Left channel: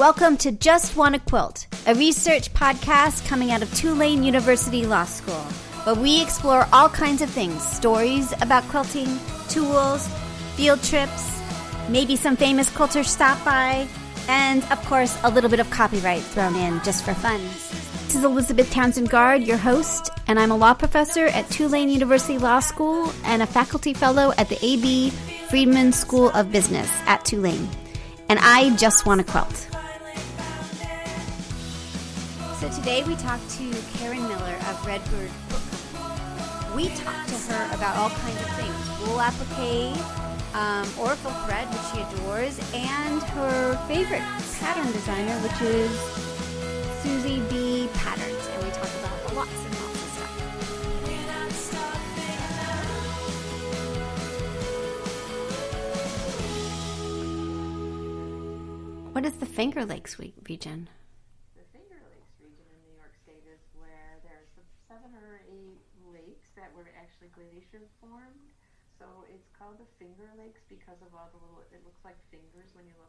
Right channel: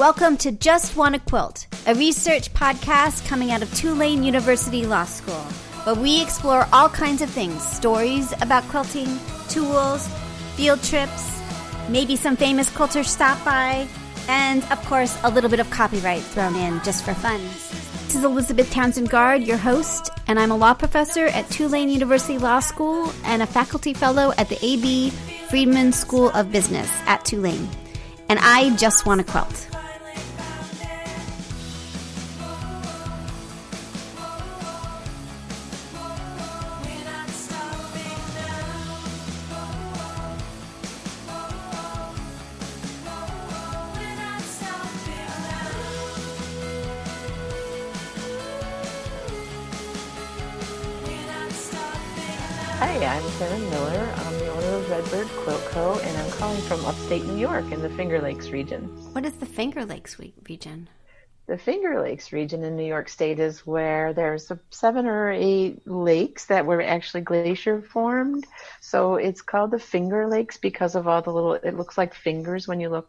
Welcome to Just Wanna Quilt, a research podcast coming out of Tulane University Law School, where we explore all kinds of things, stories about quilting, tools, field trips, maybe some famous quilters stop by, and, of course, a little bit of copyright thrown in just for fun. This is Elizabeth Townsend Guard, your host, and I'm a law professor at Tulane University Law School and a faculty fellow at the A.B. Friedman School of Business at Tulane. And I just want to quilt. So today we talked to Karen Miller of Redbird. We talked to her about all kinds of things: wool applique, Aurifil thread, which she adores, and her favorite pattern designer, which is Suzy B Panels. And we talked about lots of stuff. Hi, I'm Karen Miller. I'm the owner of Redbird Quilt Co., and I'm calling from upstate New York in the Finger Lakes region. What is the Finger Lakes region? The Finger Lakes region in New York State is where there's 7 or 8 lakes that were actually glacier formed. So it's called the Finger Lakes because of all the little, it looks like fingers when you look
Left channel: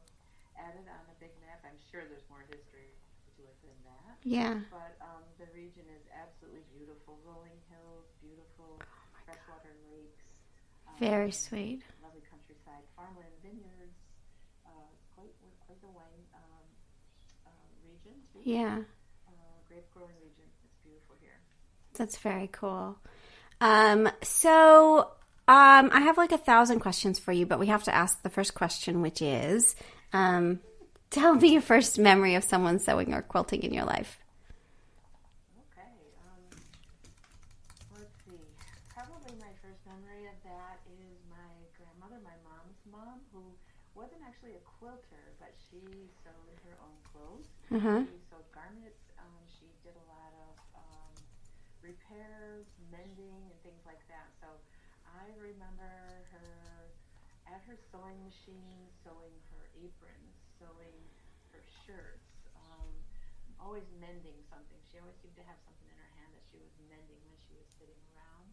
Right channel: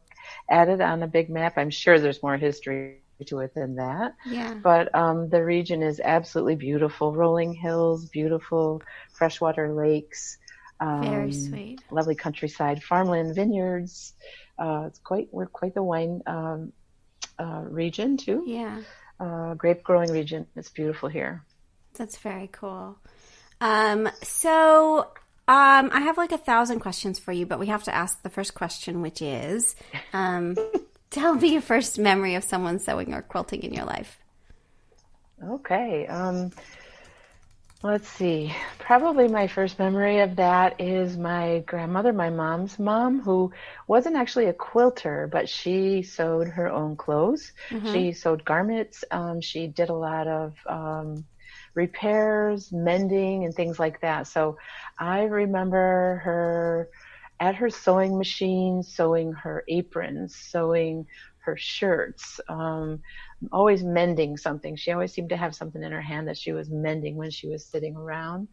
at it on a big map. I'm sure there's more history to it than that. Yeah. But the region is absolutely beautiful. Rolling hills, beautiful freshwater lakes. Very sweet. Lovely countryside, farmland, vineyards. We're quite the wine region too. Yeah. Grape growing region. It's beautiful here. That's very cool. So I have like 1,000 questions for you, but we have to ask the first question, which is, tell me your first memory of someone sewing or quilting in your life. Okay. Let's see. Probably my first memory of that is my grandmother, my mom's mom, who wasn't actually a quilter, but she sewed her own clothes. Mm-hmm. She sewed garments. She did a lot of repairs, mending, and things like that. So I remember her at her sewing machine, sewing her aprons, sewing her shirts, always mending something. She always seemed to have something in her hand that she was mending when she was sitting around.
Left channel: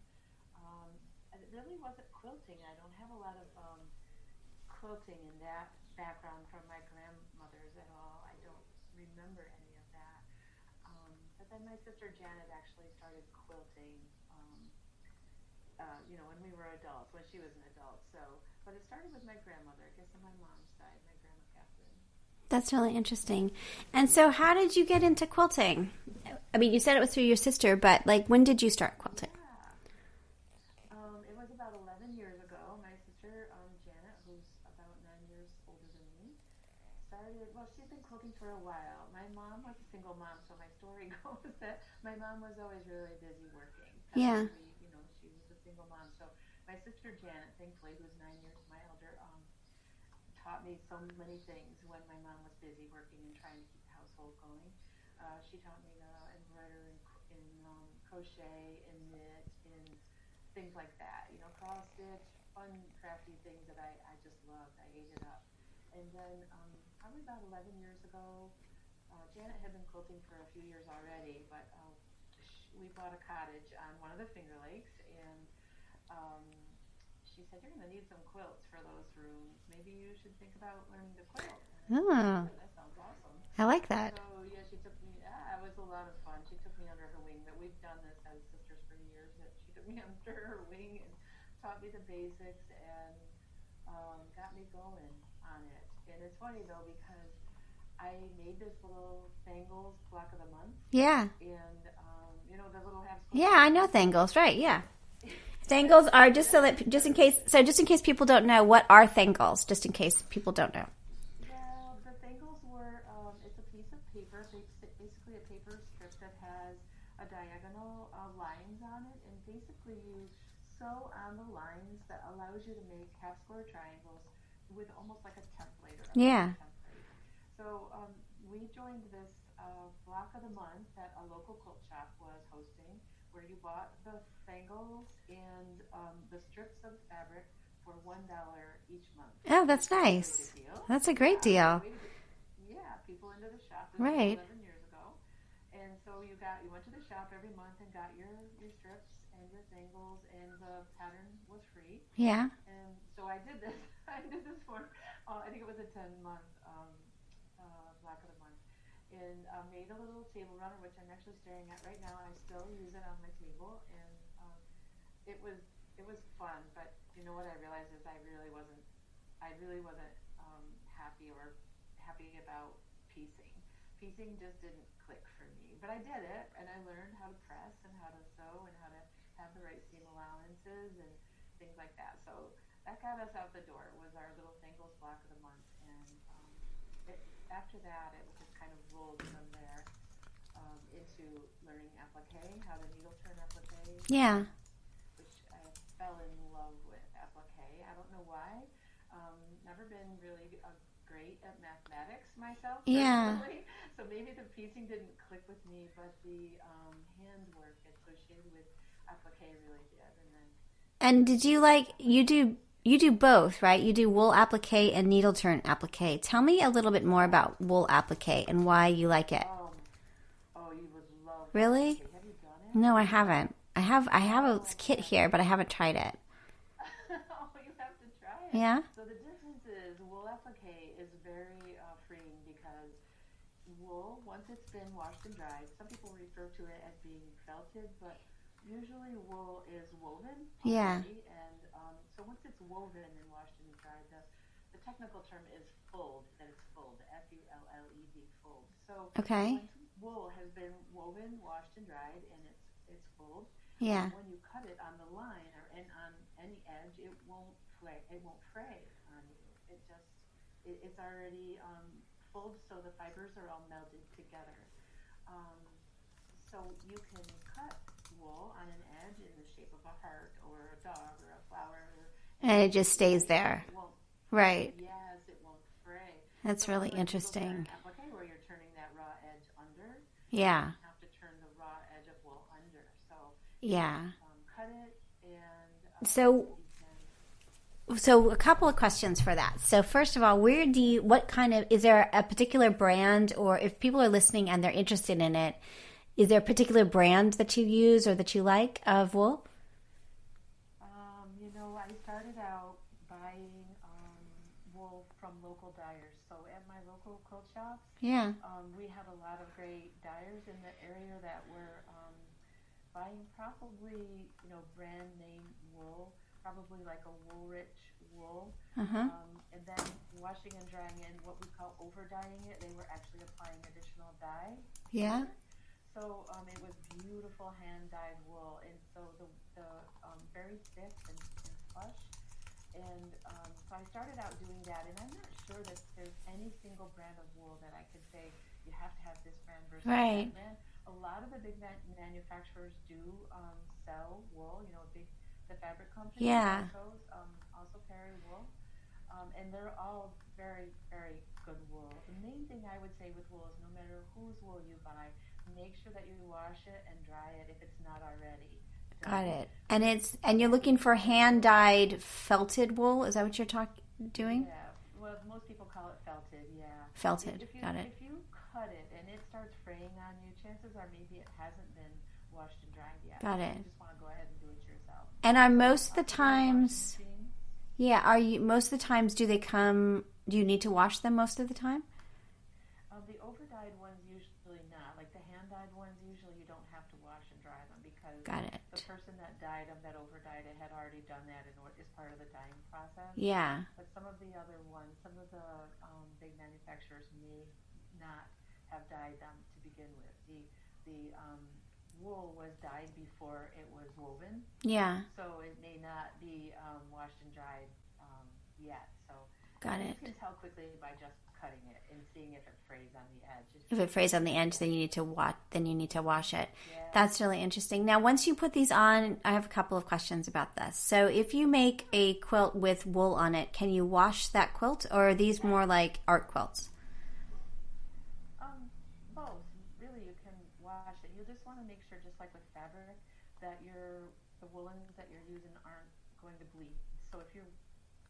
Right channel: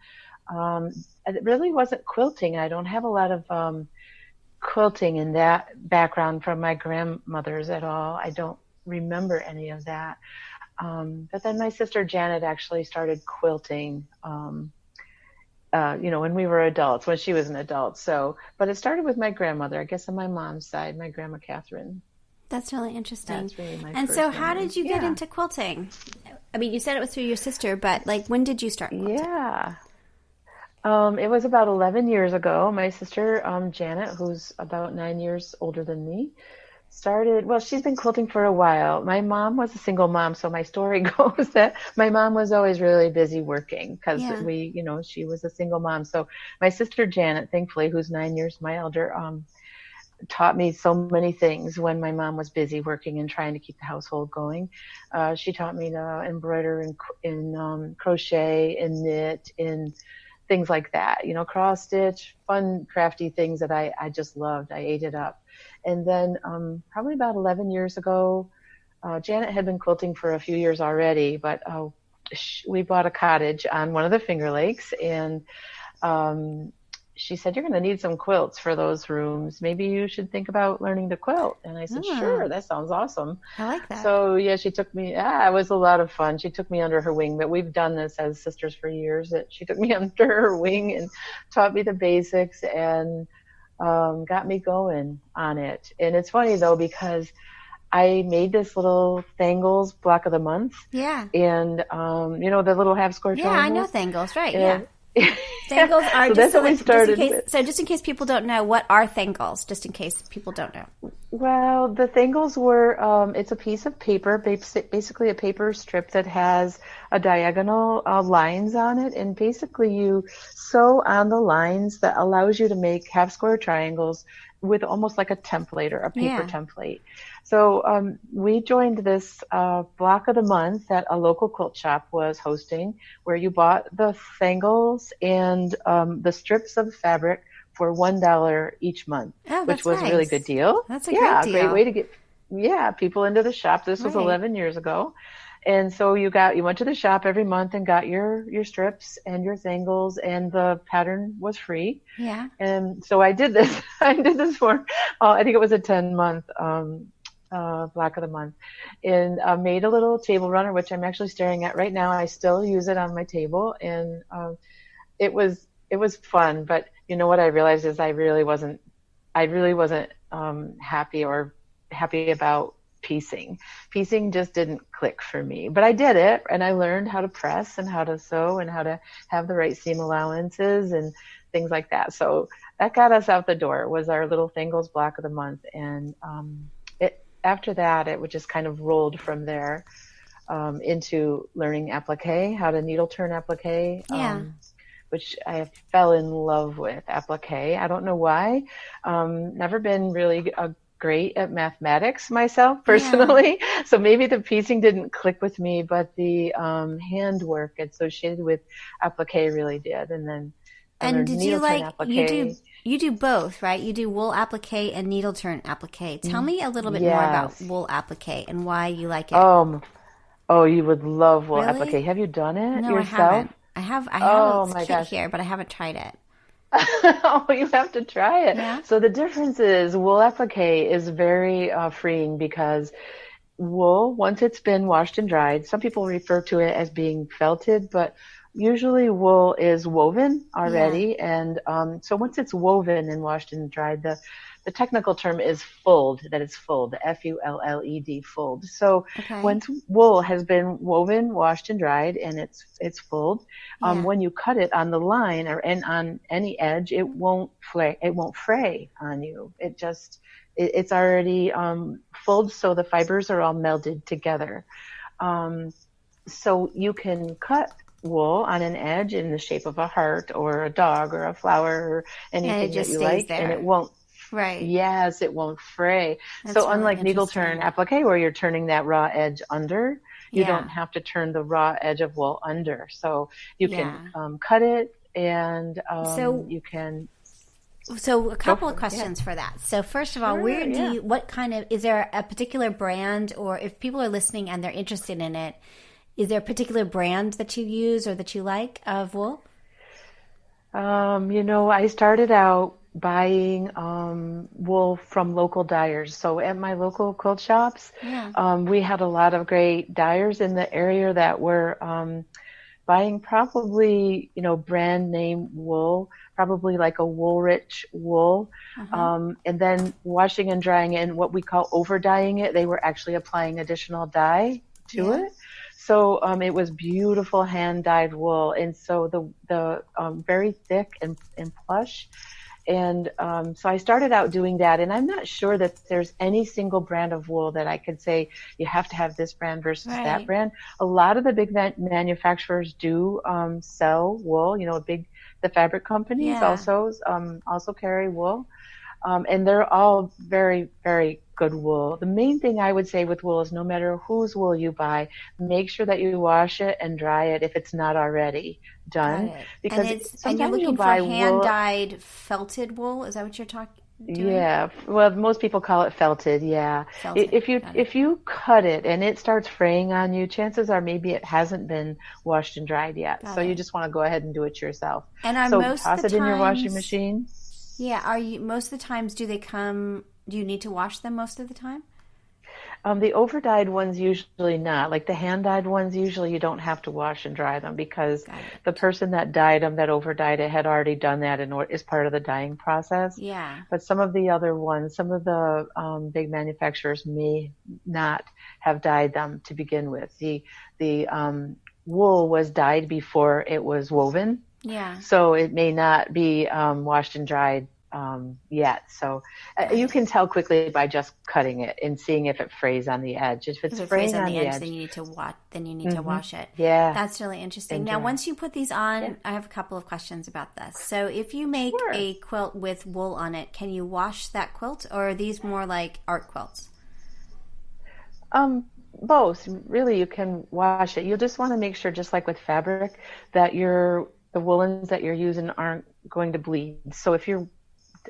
It really wasn't quilting. I don't have a lot of quilting in that background from my grandmothers at all. I don't remember any of that. But then my sister Janet actually started quilting, when we were adults, when she was an adult. But it started with my grandmother, I guess on my mom's side, my grandma Catherine. That's really interesting. That's really and so how did you get into quilting? I mean, you said it was through your sister, but when did you start quilting? Yeah. It was about 11 years ago. My sister, Janet, who's about 9 years older than me, she's been quilting for a while. My mom was a single mom, so my story goes that my mom was always really busy working because she was a single mom. So my sister Janet, thankfully, who's 9 years my elder, taught me so many things when my mom was busy working and trying to keep the household going. She taught me to embroider in crochet and knit and things like that, cross stitch, fun, crafty things that I just loved. I ate it up. And then probably about 11 years ago, Janet had been quilting for a few years already, but we bought a cottage on one of the Finger Lakes, and she said, "You're going to need some quilts for those rooms. Maybe you should think about learning to quilt." And I said, "Sure, that sounds awesome." I like that. So yeah, she took me, it was a lot of fun. She took me under her wing, but we've done this as sisters for years. That she took me under her wing and taught me the basics and got me going on it. And it's funny though, because I made this little Thangles block of the month. Yeah. And the little half square. Yeah, I know Thangles, right? And, yeah. Thangles are just in case people don't know, what are Thangles? Just in case people don't know. Well, the Thangles were it's a piece of paper, basically a paper strip that has a diagonal lines on it, and basically you sew on the lines that allows you to make half square triangles with almost like a template or a paper template. So we joined this block of the month that a local quilt shop was hosting, where you bought the Thangles and the strips of fabric for $1 each month, which was nice. A really good deal. That's a great deal. Great way to get people into the shop. This was 11 years ago. And so you went to the shop every month and got your strips and your Thangles, and the pattern was free. Yeah. And so I did this. I did this for, I think it was a 10-month block of the month, and made a little table runner, which I'm actually staring at right now. I still use it on my table, and it was it was fun. But you know what I realized is I really wasn't happy about piecing. Piecing just didn't click for me. But I did it, and I learned how to press and how to sew and how to have the right seam allowances and things like that. So that got us out the door. It was our little Thingles block of the month, and after that, it would just kind of rolled from there into learning applique, how to needle turn applique. Yeah. Which I fell in love with applique. I don't know why. Never been really great at mathematics myself personally. Yeah. So maybe the piecing didn't click with me, but the handwork associated with applique really did. And did you like, you do both, right? You do wool applique and needle turn applique. Tell me a little bit more about wool applique and why you like it. Oh, you would love wool really? applique. Have you done it? No, yourself? I haven't. I have a kit here, but I haven't tried it. Oh, you have to try it. Yeah. So the difference is wool applique is very freeing because wool, once it's been washed and dried, some people refer to it as being felted, but usually wool is woven already. Yeah. And so once it's woven and washed and dried, the technical term is fulled, that it's fulled, Fulled, fulled. So once wool has been woven, washed, and dried, and it's fulled, when you cut it on the line or on any edge, it won't fray on you. It's already fulled, so the fibers are all melded together. So you can cut wool on an edge in the shape of a heart or a dog or a flower or anything, and it just stays there. And it won't. Right. Yes, it won't fray. That's so really unlike needle turn applique where you're turning that raw edge under, you don't have to turn the raw edge of wool under. So you can cut it and you can. So a couple of questions for that. So first of all, is there a particular brand, or if people are listening and they're interested in it, is there a particular brand that you use or that you like of wool? I started out buying wool from local dyers. So at my local quilt shops, we had a lot of great dyers in the area that were buying probably, brand name wool, probably like a Woolrich wool, and then washing and drying it, and what we call over dyeing it. They were actually applying additional dye to it. So it was beautiful hand dyed wool, and so the very thick and plush. And so I started out doing that, and I'm not sure that there's any single brand of wool that I could say you have to have this brand versus that brand. A lot of the big manufacturers do sell wool. The fabric companies also carry wool, and they're all very, very good wool. The main thing I would say with wool is no matter whose wool you buy, make sure that you wash it and dry it if it's not already done. And you're looking for hand-dyed felted wool. Is that what you're doing? Yeah. Well, most people call it felted. Yeah. Felted. If you cut it and it starts fraying on you, chances are maybe it hasn't been washed and dried yet. You just want to go ahead and do it yourself. And toss it in your washing machine. Yeah. Most of the times do you need to wash them most of the time? The over-dyed ones usually not. Like the hand-dyed ones, usually you don't have to wash and dry them because the person that dyed them, that over-dyed it, had already done that as part of the dyeing process. Yeah. But some of the other ones, some of the big manufacturers may not have dyed them to begin with. The wool was dyed before it was woven. Yeah. So it may not be washed and dried yet. So you can tell quickly by just cutting it and seeing if it frays on the edge. If it frays on the edge, then you need to to wash it. Yeah. That's really interesting. Now, once you put these on, I have a couple of questions about this. So if you make a quilt with wool on it, can you wash that quilt, or are these more like art quilts? Both. Really, you can wash it. You'll just want to make sure, just like with fabric, that the woolens that you're using aren't going to bleed. So if you're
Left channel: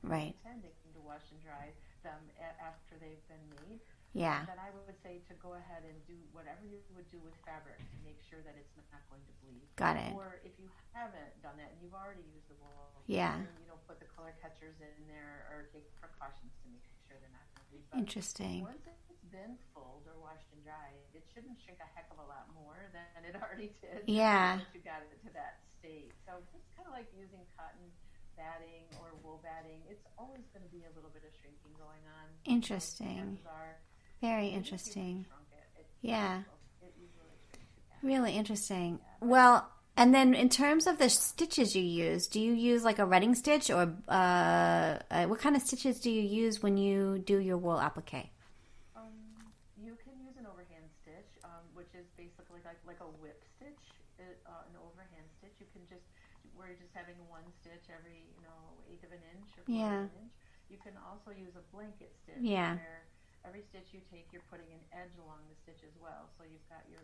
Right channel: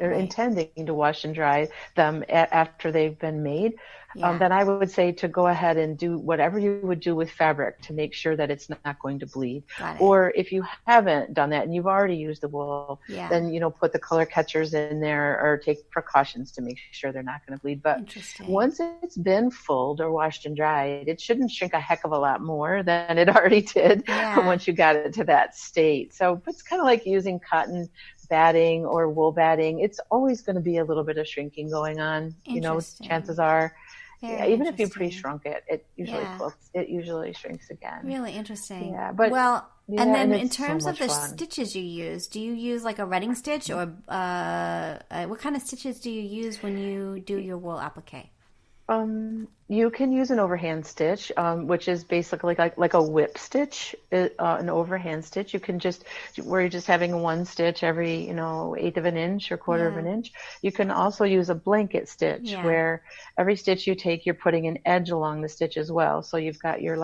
or intending to wash and dry them after they've been made, then I would say to go ahead and do whatever you would do with fabric to make sure that it's not going to bleed. Or if you haven't done that and you've already used the wool, then, you know, put the color catchers in there or take precautions to make sure they're not going to bleed. But once it's been fulled or washed and dried, it shouldn't shrink a heck of a lot more than it already did once you got it to that state. So it's kind of like using cotton batting or wool batting. It's always going to be a little bit of shrinking going on. You know, chances are. Even if you pre-shrunk it, it usually shrinks again. Really interesting. But, and then in terms of the stitches you use, do you use like a retting stitch or what kind of stitches do you use when you do your wool applique? You can use an overhand stitch, which is basically like a whip stitch, an overhand stitch. You can where you're just having one stitch every, you know, 1/8 of an inch or 1/4 of an inch. You can also use a blanket stitch where every stitch you take, you're putting an edge along the stitch as well. So you've got your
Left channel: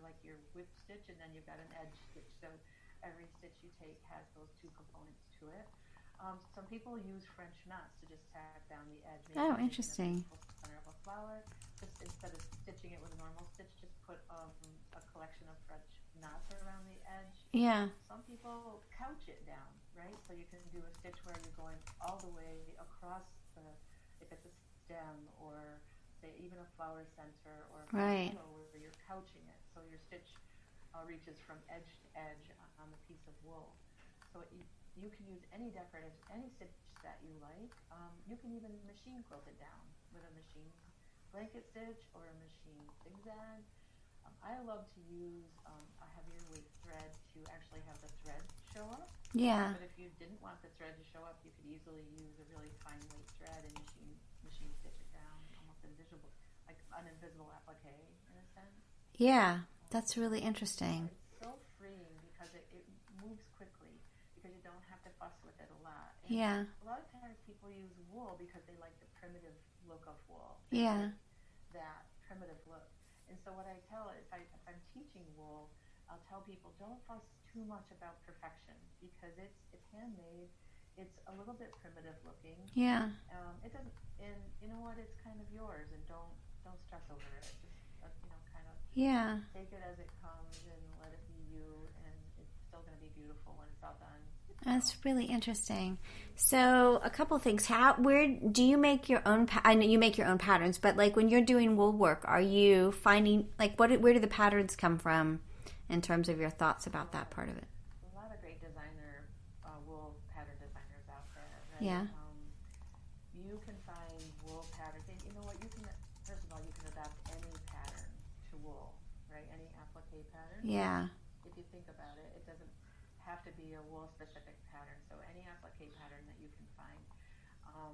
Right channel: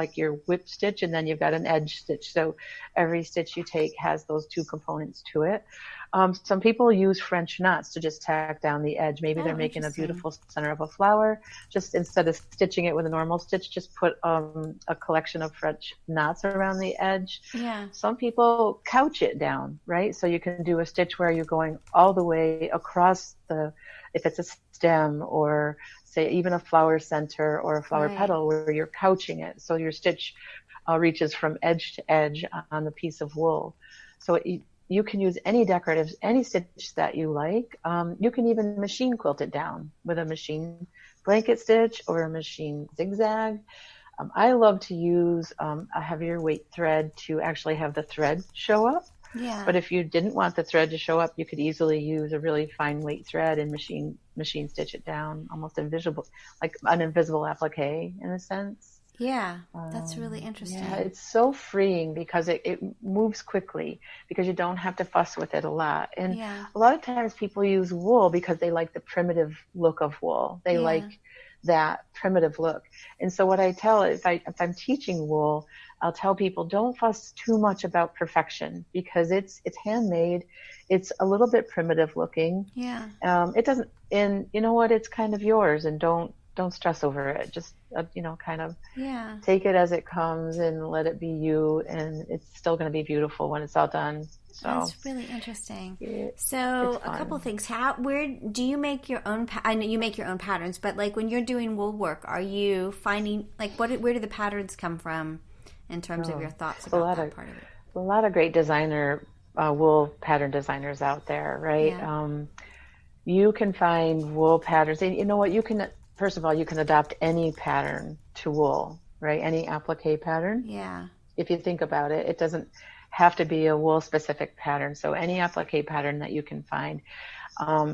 whip stitch and then you've got an edge stitch. So every stitch you take has those two components to it. Some people use French knots to just tack down the edge. Maybe they're making a beautiful center of a flower. Just instead of stitching it with a normal stitch, just put a collection of French knots around the edge. Some people couch it down, right? So you can do a stitch where you're going all the way across if it's a stem or say even a flower center or a flower petal where you're couching it. So your stitch reaches from edge to edge on the piece of wool. So you can use any stitch that you like. You can even machine quilt it down with a machine blanket stitch or a machine zigzag. I love to use a heavier weight thread to actually have the thread show up. But if you didn't want the thread to show up, you could easily use a really fine weight thread and machine stitch it down, almost invisible, like an invisible applique in a sense. That's really interesting. It's so freeing because it moves quickly because you don't have to fuss with it a lot. And a lot of times people use wool because they like the primitive look of wool. They like that primitive look. And so what I tell, if I'm teaching wool, I'll tell people don't fuss too much about perfection because it's handmade. It's a little bit primitive looking. It doesn't, and you know what? It's kind of yours, and don't stress over it. Just kind of take it as it comes and let it be you, and it's still going to be beautiful when it's all done. So that's really interesting. So a couple things. Where do you make your own? I know you make your own patterns, but like when you're doing wool work, are you finding like where do the patterns come from in terms of your thoughts about that part of it? A lot of great wool pattern designers out there, right? You can find wool patterns, and you know what? First of all, you can adopt any pattern to wool, right? Any applique pattern. If you think about it, it doesn't have to be a wool specific pattern. So any applique pattern that you can find.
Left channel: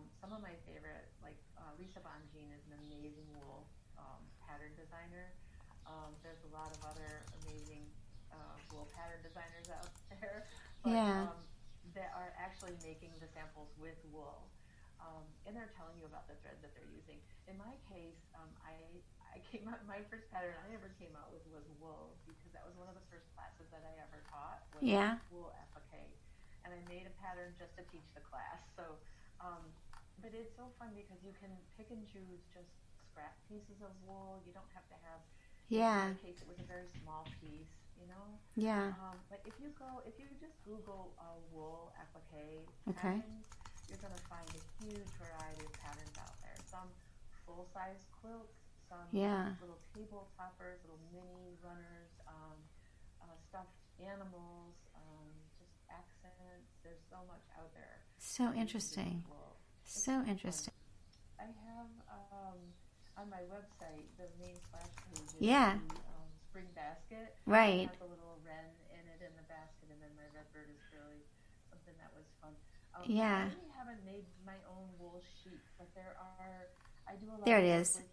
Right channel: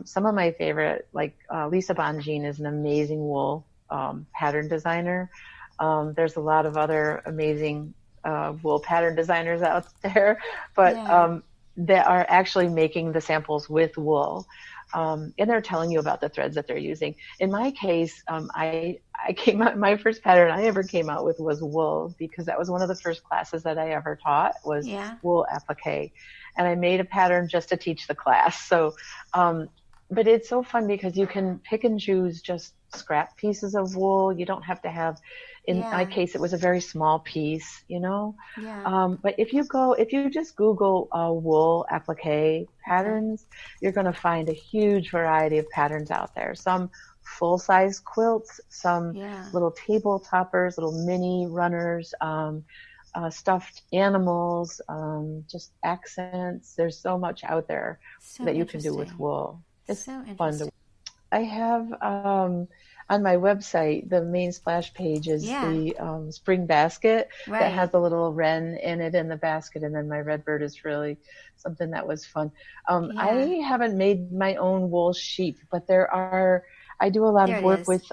Some of my favorite, like Lisa Bonjean is an amazing wool pattern designer. There's a lot of other amazing wool pattern designers out there, but that are actually making the samples with wool. And they're telling you about the threads that they're using. In my case, my first pattern I ever came out with was wool because that was one of the first classes that I ever taught was wool applique. And I made a pattern just to teach the class. So, but it's so fun because you can pick and choose just scrap pieces of wool. You don't have to have, in my case, it was a very small piece, you know? But if you just Google wool applique patterns, you're going to find a huge variety of patterns out there. Some full-size quilts, some little table toppers, little mini runners, stuffed animals, just accents. There's so much out there that you can do with wool. It's so interesting. I have on my website, the main splash page is the spring basket that has a little wren in it in the basket, and then my Redbird is really something that was fun. I haven't made my own wool sheep, but I do a lot of work with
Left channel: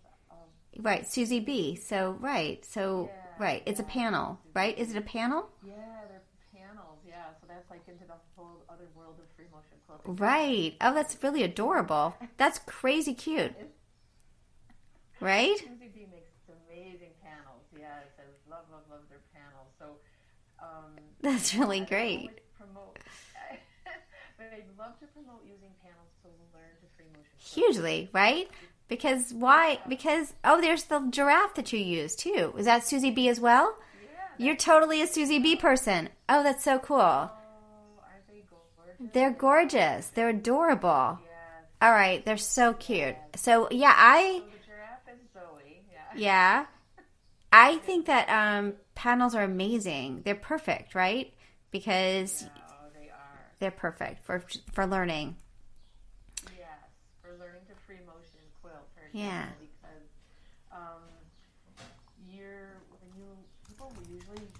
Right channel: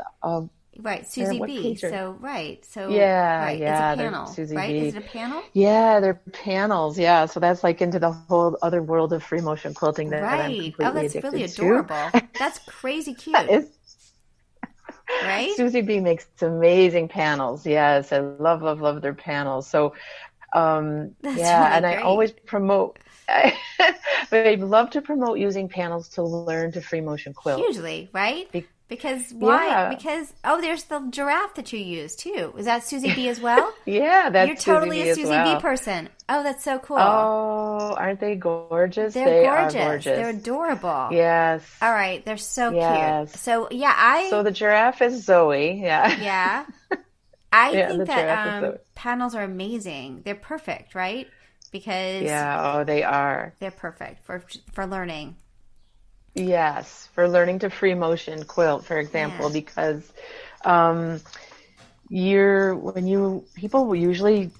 Suzy B. It's a panel, right? Is it a panel? Yeah, they're panels. Yeah, so that's like into the whole other world of free motion quilting. That's really adorable. That's crazy cute. Right? Suzy B makes amazing panels. Yes, I love their panels. So That's Yeah, really and I always great. promote, but I love to promote using panels to learn to free motion quilt. Hugely, right? Be Because why? yeah, Because, oh, there's the giraffe that you use too. Is that Suzy B as well? yeah, You're that's Suzy totally a B as Suzy B well. person. Oh, that's so cool. Oh, aren't they gorgeous? They're They are gorgeous. They're gorgeous. adorable. Yes, All right, they're so cute. yes. So yeah, So the giraffe is Zoe. Yeah, yeah, I yeah, think the that giraffe is Zoe. panels are amazing. They're perfect, right? Because Yeah, oh, they are. they're perfect for learning. Yes, for learning to free motion quilt, for example, Yeah. because um, people will usually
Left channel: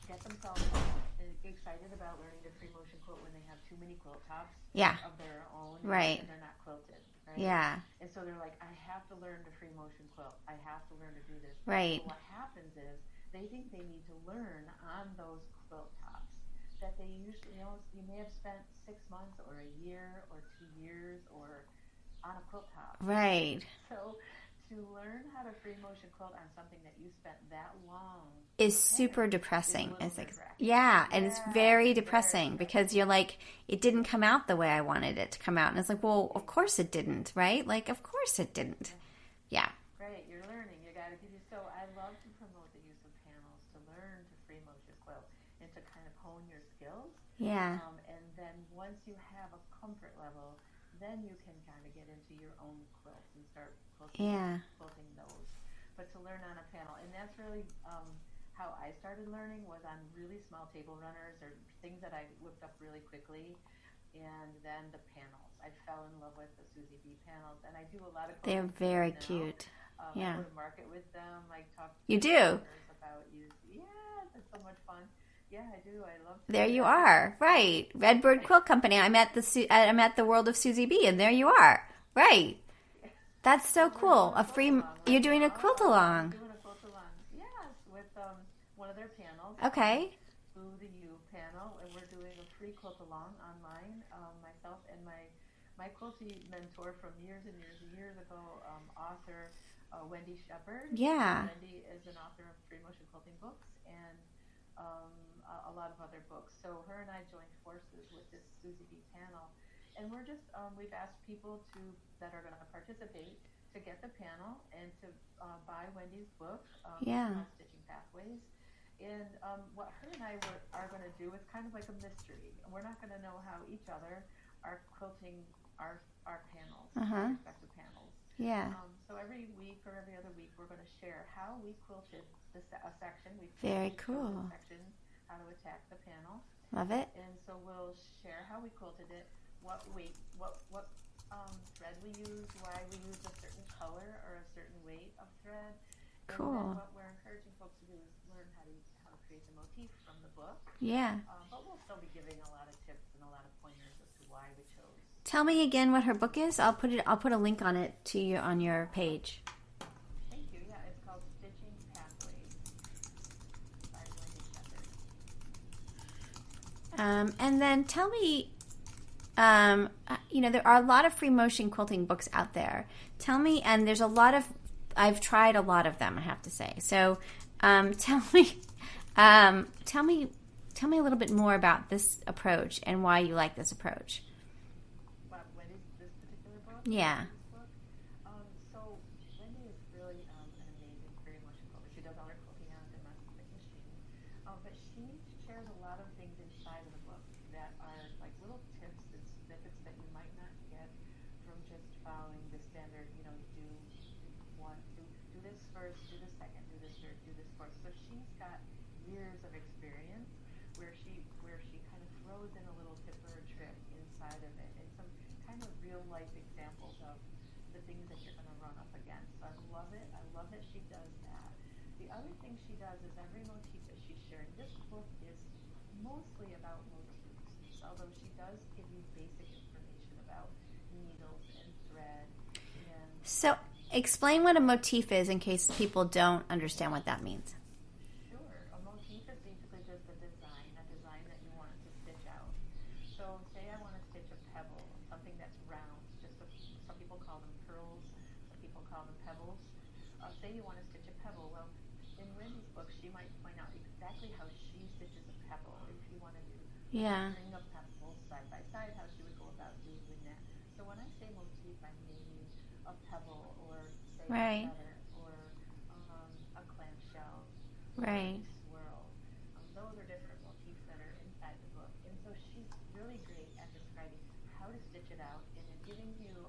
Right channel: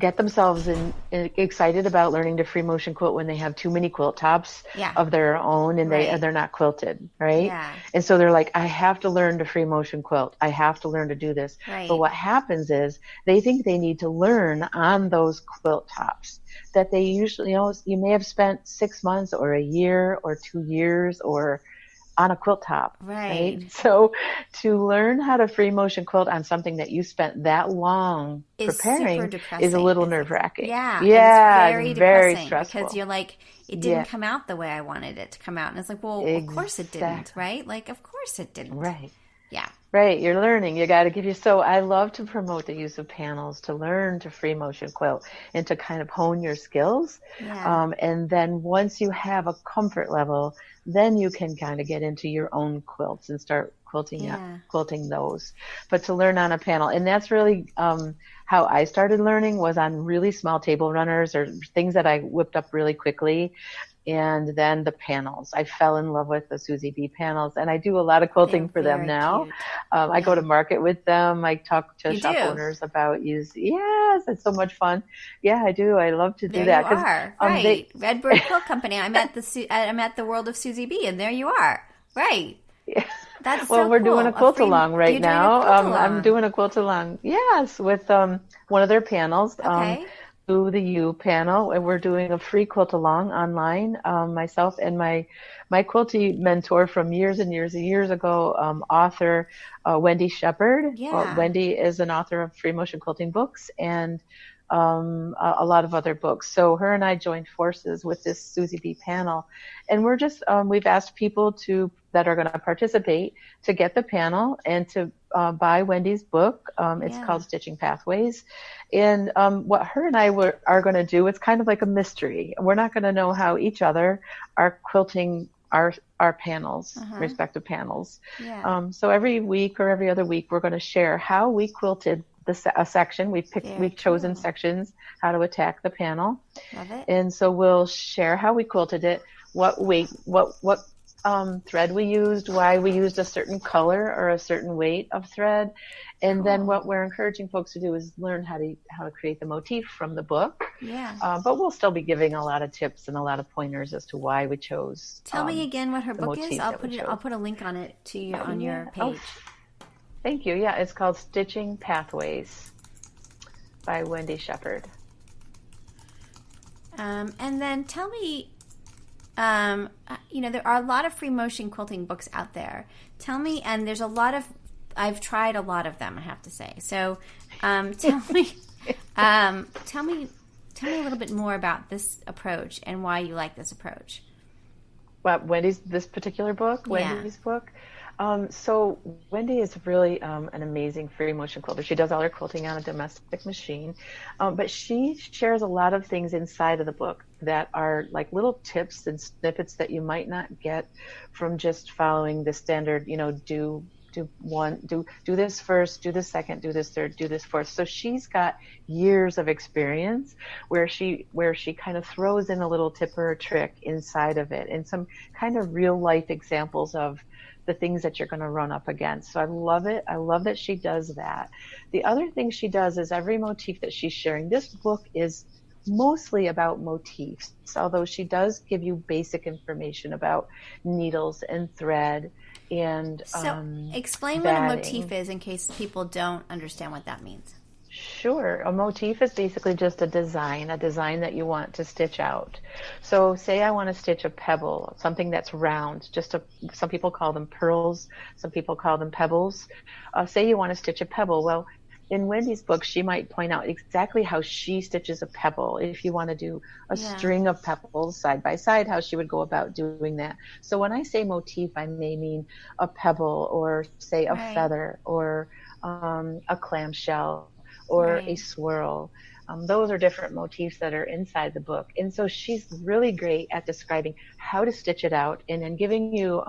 get themselves excited about learning to free motion quilt when they have too many quilt tops Yeah. of their own and Right. they're not quilted, right? Yeah. And so they're like, I have to learn to free motion quilt. I have to learn to do this. But Right. what happens is they think they need to learn on those quilt tops that they usually, you may have spent 6 months or a year or 2 years or on a quilt top, right? Right. So to learn how to free motion quilt on something that you spent that long Is super preparing is a depressing. little nerve-wracking. Yeah, it's Yeah, very it's very depressing because stressful. you're like, it didn't Yeah, come out the way I wanted it to come out. And it's like, well, of course it didn't, exactly. right? Like, of course it didn't. Right. Yeah. Right, you're learning. You got to give you. So I love to promote the use of panels to learn to free motion quilt and to kind of hone your skills. Yeah. And then once you have a comfort level, then you can kind of get into your own quilts and start Yeah. quilting those. But to learn on a panel, and that's really how I started learning was on really small table runners or things that I whipped up really quickly. And then the panels. I fell in love with the Suzy B panels, and I do a lot of They're quilting for them very now. cute. I go Yeah. to market with them. I talk to You shop do. owners about use. Yes, it's so much fun. Yeah, I do. I love to do There you that because are. they. Right. Redbird Quilt Company. I'm at the World of Suzy B, and there you are. Right. That's Well, so we're doing cool. a quilt along right You're doing a now. quilt I'm along. doing a quilt along. Yes, with one of their panels. Okay. To the U panel, and we're doing a free quilt along online. Myself and my quilty mentor from years and years and years ago, author Wendy Shepherd. Yeah. Wendy is an author of free motion quilting books and a lot of other books. So her and I joined forces with this Suzy B panel, and we're just we've asked people that are going to participate to get the panel and to buy Wendy's book. It's Yeah. called Stitching Pathways. And what her and I are going to do, it's kind of like a mystery. We're not going to know how each other are quilting our panels, Uh-huh. respective panels. Yeah. So every week or every other week, we're going to share how we quilted a section. Very We've chosen cool. sections, how to attack the panel. Love it. And so we'll share how we quilted it, what weight, what thread we used, why we used a certain color or a certain weight of thread. And then Cool. what we're encouraging folks to do is learn how to create the motif from the book. Yeah. But we'll still be giving a lot of tips and a lot of pointers as to why we chose Tell me again what her the book is. motif I'll that we chose. I'll put a link on it to you on Yeah. your page. Thank you. Yeah, it's called Stitching Pathways by Wendy Shepherd. And then tell me, there are a lot of free motion quilting books out there. Tell me, and there's a lot of, I've tried a lot of them, I have to say. So, tell me, tell me a little bit more about this approach and why you like this approach. What, this particular book? Yeah. Wendy's book? So Wendy is really an amazing free motion quilter. She does all her quilting on a domestic machine, but she shares a lot of things inside of the book that are like little tips and snippets that you might not get from just following the standard, do this first, do this second, do this third, do this fourth. So she's got years of experience where she kind of throws in a little tip or a trick inside of it and some kind of real life examples of the things that you're going to run up against. So I love it. I love that she does that. The other thing she does is every motif that she's sharing. This book is mostly about motifs, although she does give you basic information about needles and thread and So, explain what a batting. motif is in case people don't understand what that means. Sure. A motif is basically just a design that you want to stitch out. So say I want to stitch a pebble, something that's round, some people call them pearls, some people call them pebbles. Say you want to stitch a pebble. Well, in Wendy's book, she might point out exactly how she stitches a pebble. If you want to do a string of pebbles side by side, how she would go about doing that. So when I say motif, I may mean a pebble, or say a feather, or a clamshell, or a swirl. Those are different motifs that are inside the book. And so she's really great at describing how to stitch it out, and then giving you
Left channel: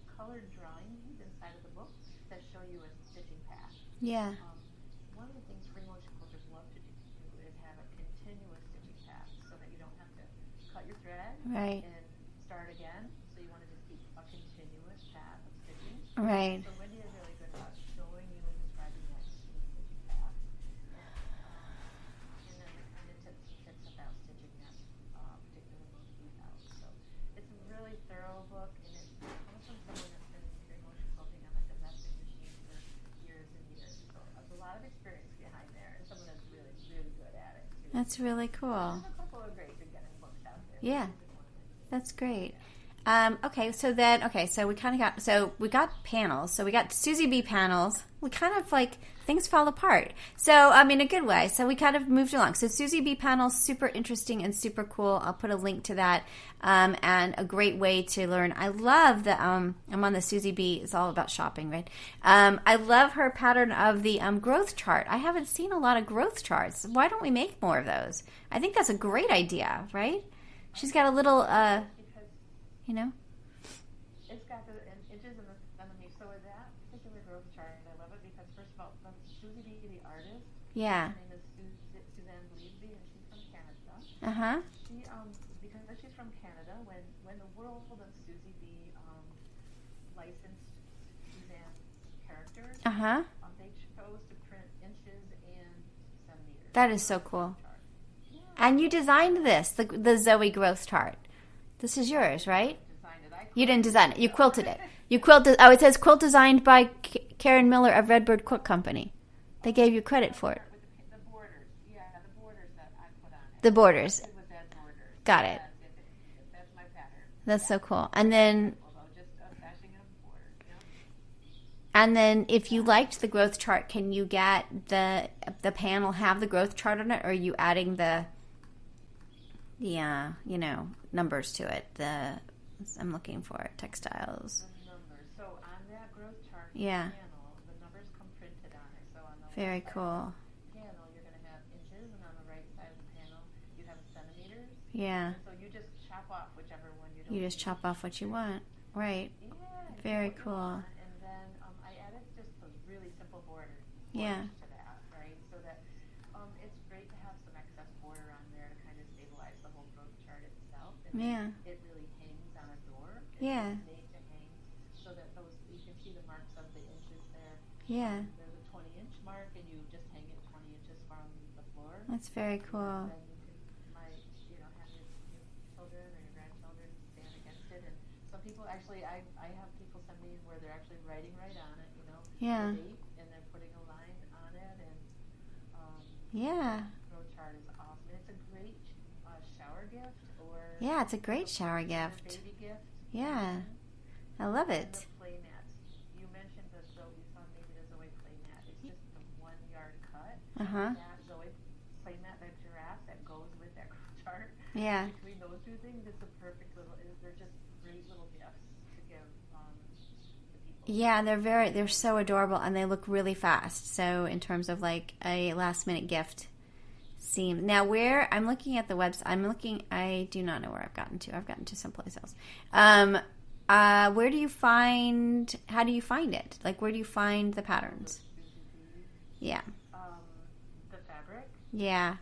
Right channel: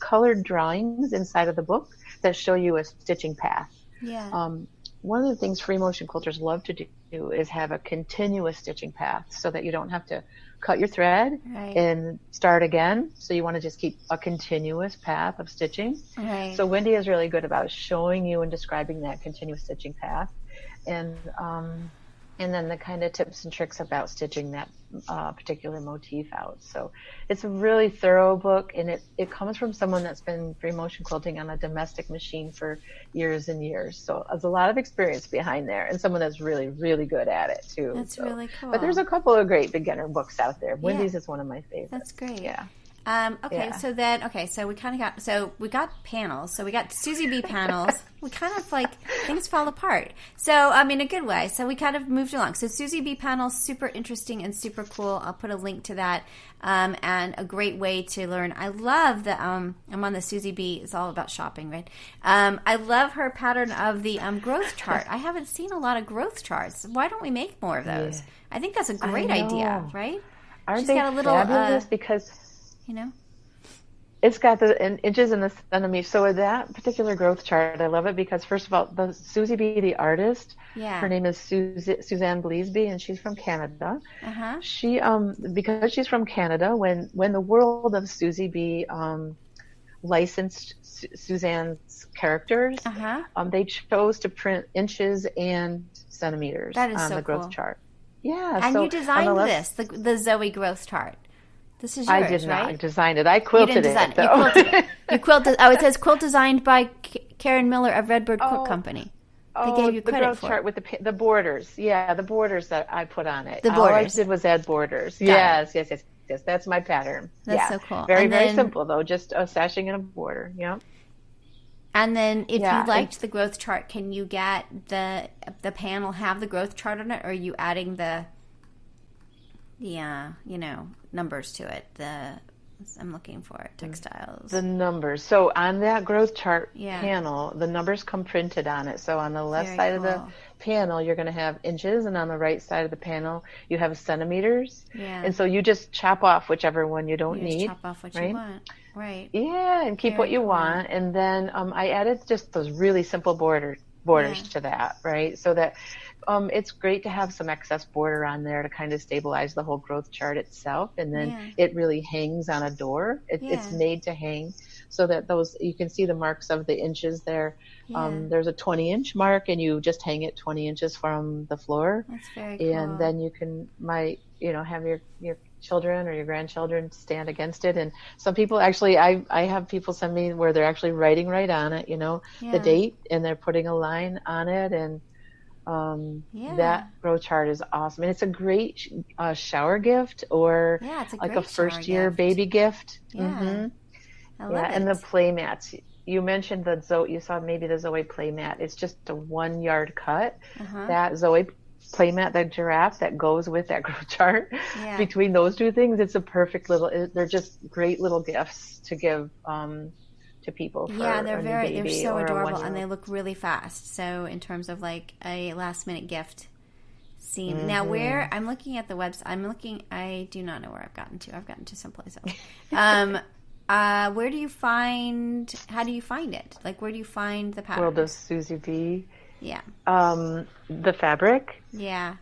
colored drawings inside of the book that show you a stitching path. Yeah. One of the things free motion quilters love to do is have a continuous stitching path, so that you don't have to cut your thread and start again. So you want to just keep a continuous path of stitching. Right. So Wendy is really good about showing you and describing that continuous stitching path. And then the kind of tips and tricks about stitching that particular motif out. So it's a really thorough book, and it comes from someone that's been free motion quilting on a domestic machine for years and years. So there's a lot of experience behind there, and someone that's really, really good at it too. That's really cool. But there's a couple of great beginner books out there. Wendy's is one of my favorites. That's great. Yeah. So we kind of we got panels. So we got Suzy B Panels. We kind of things fall apart. So, I mean, a good way. So we kind of moved along. So Suzy B Panels, super interesting and super cool. I'll put a link to that. And a great way to learn. I love the, I'm on the Suzy B. It's all about shopping, right? I love her pattern of the growth chart. I haven't seen a lot of growth charts. Why don't we make more of those? Yeah. I think that's a great idea, right? She's got a little, because it's got the inches and the centimeters. So with that particular growth chart, I love it because, first of all, the Suzy B, the artist, her name is Suzanne Bleasby, and she's from Canada. She, because she's from Canada, when the world of Suzy B licensed Suzanne's characters, they chose to print inches and centimeters that is on so the growth cool. chart. Yeah. And you designed the Zoey growth chart. This is yours, I did right? Not design it. I quilted it. You didn't design it. You quilted it. You quilted. Oh, it says quilt designed by Karen Miller of Redbird Quilt Company. They gave you credit for it. With the borders. Yeah, the borders that I put on it. The borders. All I did was add borders. Yes. That's my pattern. That's so cool. Very simple, though. Just a sashing and a border. Yeah. And then if you liked the growth chart, can you get the panel have the growth chart on it, or are you adding the numbers to it? I'm looking for it, textiles. The numbers. So on that growth chart panel, the numbers come printed on it. So on the left side of the panel, you're going to have inches, and on the right side of the panel, you have centimeters. Yeah. And so you just chop off whichever one you don't need. You just chop off what you want. Right. Yeah, and keep what you want. And then I added just those really simple borders to that, right? So that it's great to have some excess border on there to kind of stabilize the whole growth chart itself. And then it really hangs on a door. It's made to hang so that you can see the marks of the inches there. There's a 20-inch mark, and you just hang it 20 inches from the floor. That's very cool. And then you can have your children or your grandchildren stand against it. And some people actually, I have people send me where they're actually writing right on it, the date, and they're putting a line on it. And that growth chart is awesome. And it's a great shower gift, or it's a like great a first-year baby gift. Yeah. I love it. And the play mats. You mentioned you saw maybe the Zoey play mat. It's just a 1 yard cut. That Zoey play mat, that giraffe that goes with that growth chart. Yeah. Between those two things, it's a perfect they're just great little gifts to give to people. They're so adorable, and they look really fast. So in terms of like a last minute gift. Now where I'm looking at the website, I do not know where I've gotten to. I've gotten to someplace else. How do you find it? Like, where do you find the patterns? Well, the Suzy B. Yeah. The fabric. Yeah.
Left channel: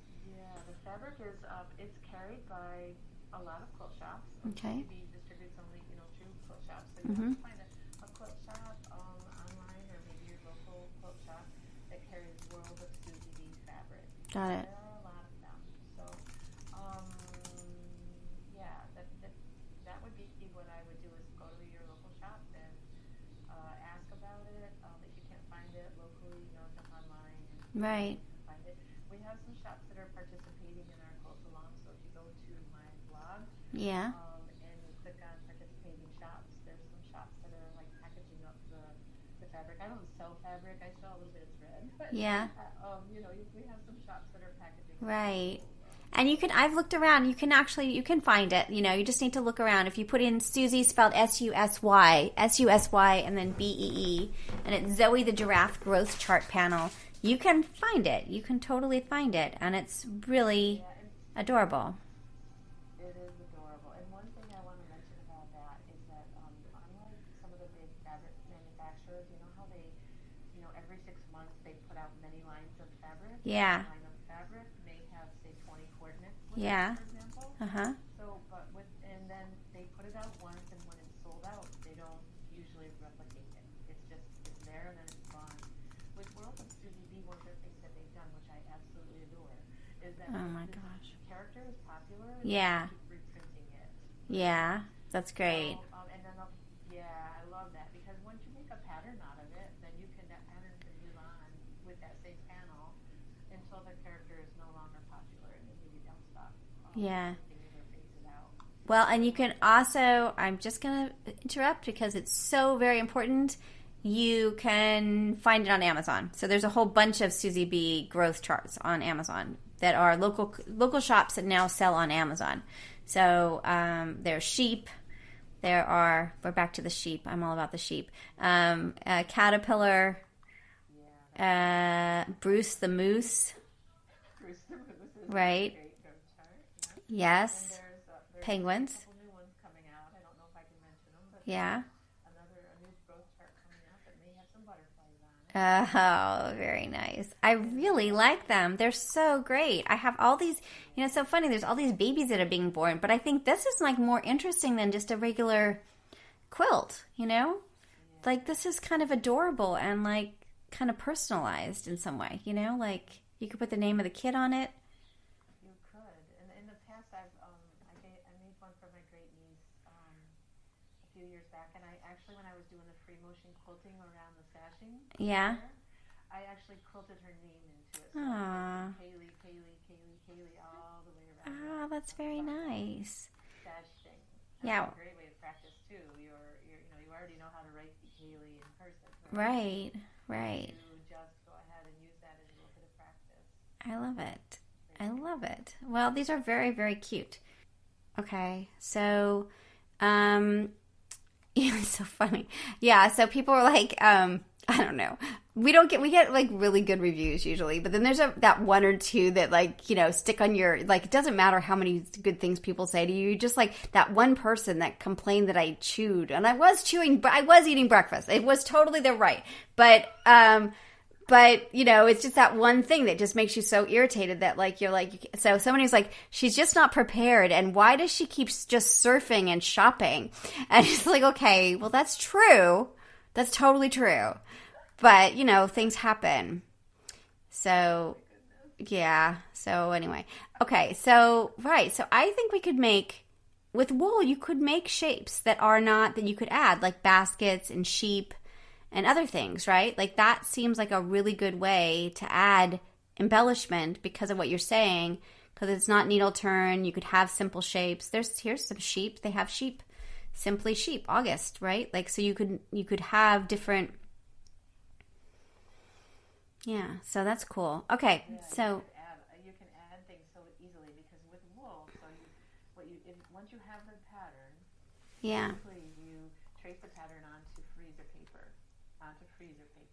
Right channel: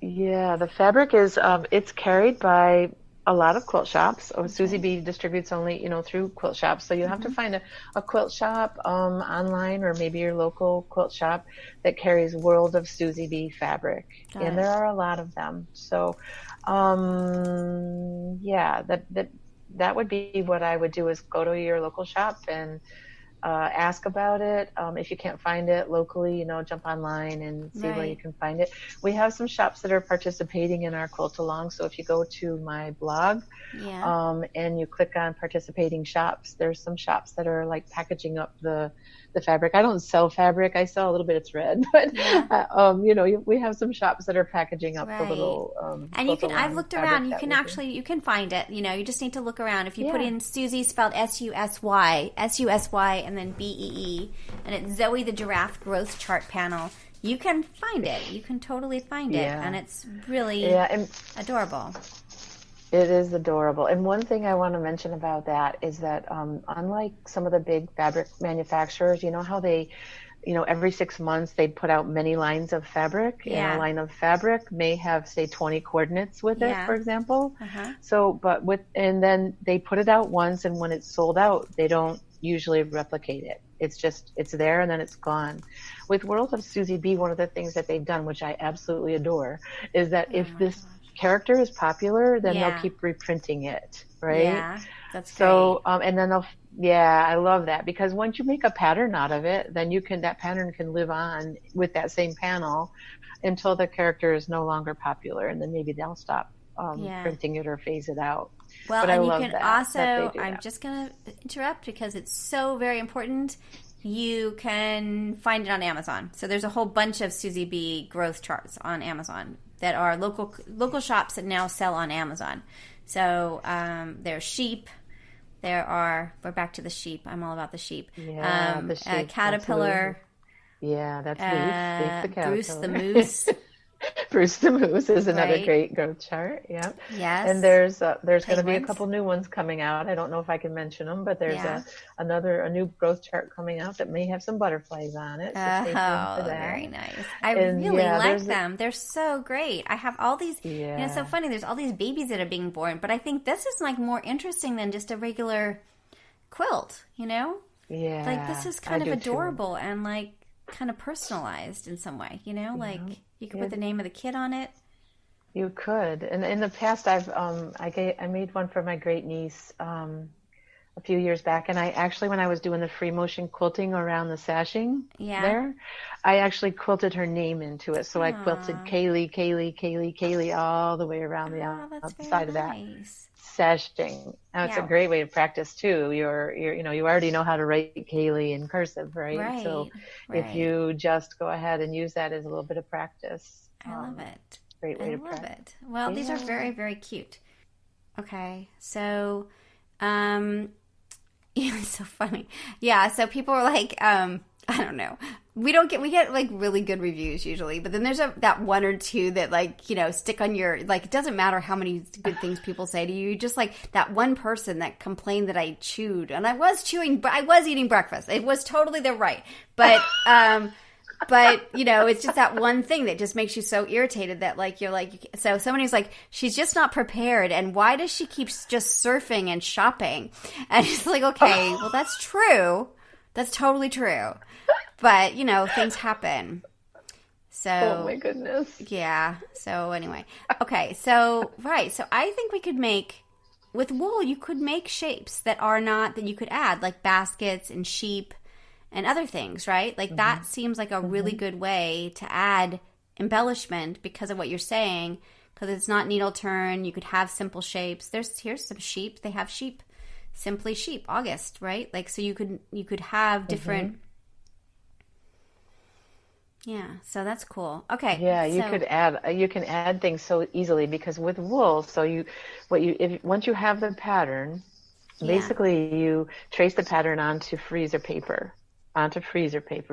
Yeah, the fabric is, it's carried by a lot of quilt shops. Suzy B distributes only, through quilt shops. So you have to find a quilt shop online, or maybe your local quilt shop that carries World of Suzy B fabric. And there are a lot of them. So, that would be what I would do, is go to your local shop and ask about it. If you can't find it locally, jump online and see where you can find it. We have some shops that are participating in our Quilt Along. So if you go to my blog and you click on participating shops, there's some shops that are like packaging up the the fabric. I don't sell fabric. I sell a little bit of thread, but we have some shops that are packaging up the little. And you can. I've looked around. You can find it. You just need to look around. If you put in Susie spelled Susy, and then Bee, and it's Zoey the Giraffe growth chart panel. You can find it. You can totally find it, and it's really adorable. It is adorable. And one thing I want to mention about that is that unlike some of the big fabric manufacturers, you know how they, every 6 months they put out many lines of fabric. Yeah. And a line of fabric may have, say, 20 coordinates with it, for example. So, and then they put it out once, and when it's sold out, they don't usually replicate it. It's there and then it's gone. With World of Suzy B, one of the things that they've done, which I absolutely adore, is that if this character is popular, then they'll keep reprinting it, right? Yeah, that's great. So, and then I love that, because once you make a pattern out of it, then that pattern can live on with that same panel until the character is no longer popular, and then maybe they'll stop printing it or phase it out. Well, and you can also, I'm just going to interrupt because it's so very important. You can find it on Amazon. So there's a whole bunch of Suzy B growth charts on Amazon that are local shops that now sell on Amazon. So there's sheep. We're back to the sheep. I'm all about the sheep. Yeah, the sheep. Caterpillar. Yeah, that's Bruce the Moose. Bruce the Moose is another great growth chart. Yeah. Yes. And there's going to be a couple new ones coming out. I don't know if I can mention them, but there's a new growth chart coming out that may have some butterflies on it. So very nice. I really like them. They're so great. I have all these, it's so funny. There's all these babies that are being born, but I think this is like more interesting than just a regular quilt, Yeah. Like this is kind of adorable and like kind of personalized in some way, like you could put the name of the kid on it. You could. And in the past, I made one for my great niece a few years back, and I actually, when I was doing the free motion quilting around the sashing there, I actually quilted her name into it. So I quilted Kaylee all the way around the outside of that sashing. And it's a great way to practice too. You already know how to write Kaylee in cursive, right? Right. So if you just go ahead and use that as a little bit of practice. I love it. Great way I to love practice. it. Well, these are very, very cute. Okay, so it's so funny. Yeah, so people were like, I don't know. We get like really good reviews usually, but then there's that one or two that like, stick on your, like, it doesn't matter how many good things people say to you. Just like that one person that complained that I chewed, and I was chewing, but I was eating breakfast. It was totally their right. But, it's just that one thing that just makes you so irritated that like, you're like, so somebody's like, she's just not prepared. And why does she keep just surfing and shopping? And it's like, okay, well, that's true. That's totally true. But, things happen. So, oh my goodness. Yeah. So anyway, okay. So, right. So I think we could with wool, you could make shapes that you could add like baskets and sheep and other things, right? Like that seems like a really good way to add embellishment because of what you're saying, because it's not needle turn. You could have simple shapes. Here's some sheep. They have sheep, simply sheep, August, right? Like, so you could have different. Yeah, so that's cool. Okay. Yeah, you can add things so easily because with wool, once you have the pattern, basically you trace the pattern onto freezer paper.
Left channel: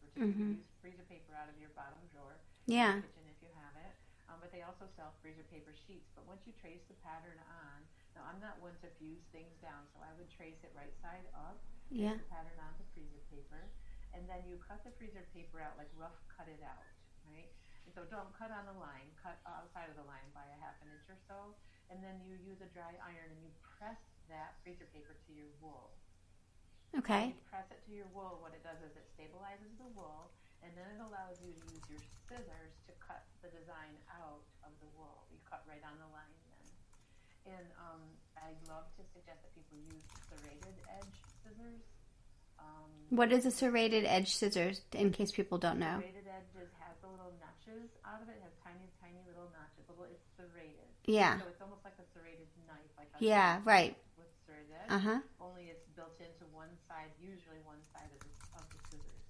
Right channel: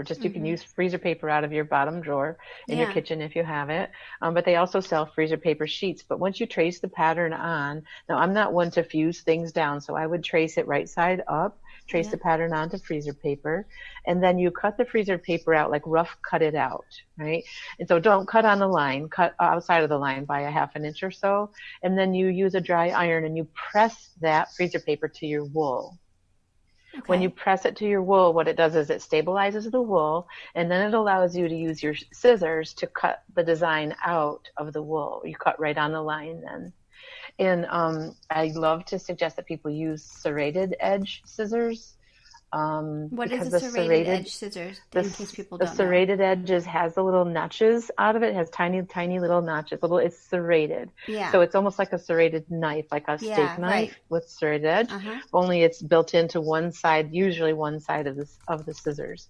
Just you can use freezer paper out of your bottom drawer in your kitchen if you have it. But they also sell freezer paper sheets. But once you trace the pattern on, now I'm not one to fuse things down, so I would trace it right side up, trace the pattern onto freezer paper, and then you cut the freezer paper out, like rough cut it out, right? And so don't cut on the line, cut outside of the line by a half an inch or so, and then you use a dry iron and you press that freezer paper to your wool. Okay. When you press it to your wool, what it does is it stabilizes the wool, and then it allows you to use your scissors to cut the design out of the wool. You cut right on the line then. And I love to suggest that people use serrated edge scissors What is a serrated edge scissors, in case people don't know? The serrated edges has the little notches out of it. It has tiny, tiny little notches. It's serrated. Yeah. So it's almost like a serrated knife, like a steak knife with serrated edge. Only it's built into one side, usually one side of the scissors.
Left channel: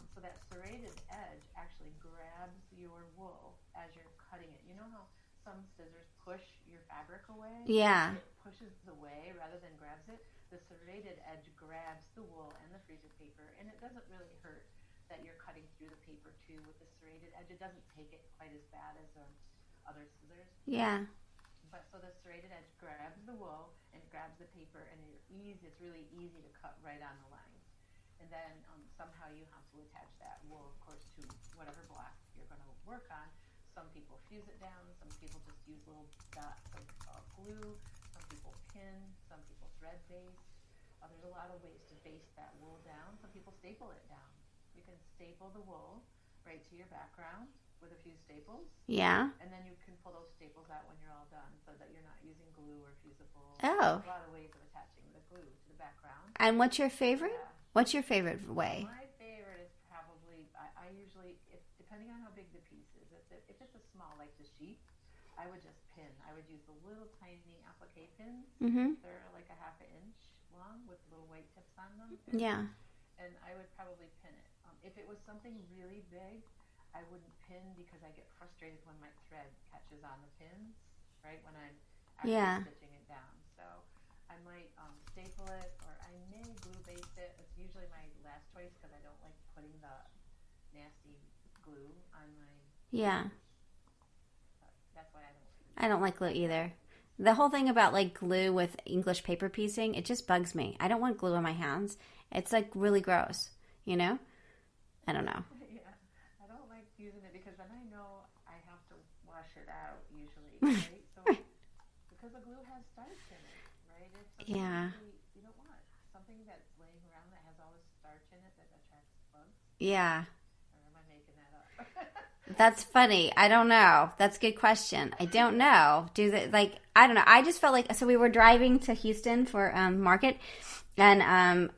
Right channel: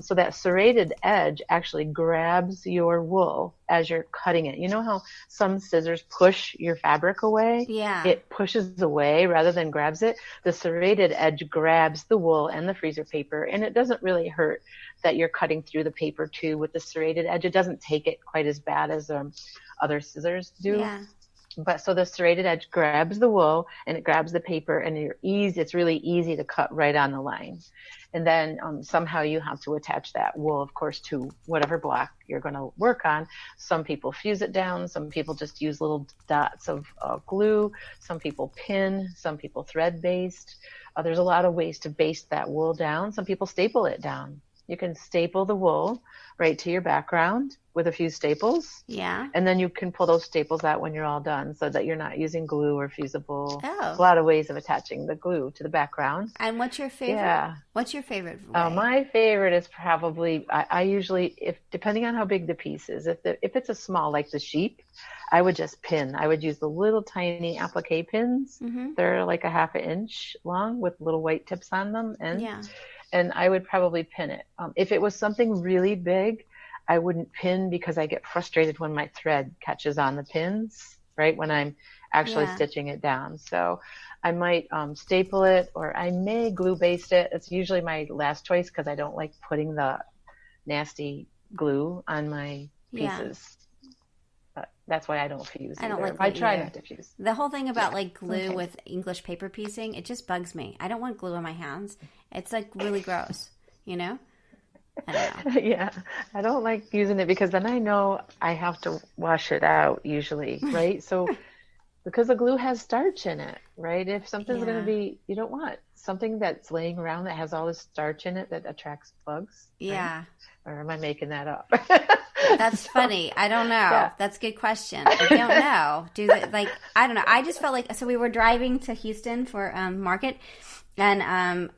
So that serrated edge actually grabs your wool as you're cutting it. You know how some scissors push your fabric away? Yeah. It pushes away rather than grabs it. The serrated edge grabs the wool and the freezer paper, and it doesn't really hurt that you're cutting through the paper too with the serrated edge. It doesn't take it quite as bad as other scissors do. Yeah. But so the serrated edge grabs the wool and it grabs the paper, and it's really easy to cut right on the line. And then somehow you have to attach that wool, of course, to whatever block you're going to work on. Some people fuse it down. Some people just use little dots of glue. Some people pin. Some people thread baste. There's a lot of ways to baste that wool down. Some people staple it down. You can staple the wool right to your background with a few staples. Yeah. And then you can pull those staples out when you're all done so that you're not using glue or fusible. Oh. A lot of ways of attaching the glue to the background. And what's your favorite? Yeah. What's your favorite way? My favorite is probably, I usually, depending on how big the piece is, if it's a small, like the sheep, I would just pin. I would use the little tiny applique pins. Mm-hmm. They're like a half an inch long with little white tips on them. And I would probably pin it. If it was something really big, I wouldn't pin because I get frustrated when my thread catches on the pins, right, when I'm actually stitching it down. So I might staple it, or I may glue baste it. It's usually my last choice because I don't like putting the nasty glue on my pieces. Yeah. But that's why I don't fuse. I don't like glue I try either. not to fuse. The whole thing about like glue with English paper piecing, it just bugs me. I don't want glue on my hands. It's like really gross, you know? I don't know. Yeah, I don't like using it because then I know I have to wash it out usually, right? So because the glue has starch in it, right? If something's going to be, you don't want something that's laying around that has all this starch in it that attracts bugs. Yeah. Right? Or am I making that up? That's funny. I don't know. Yeah. That's a good question. I don't know. I don't know. I just felt like, so we were driving to Houston for market, and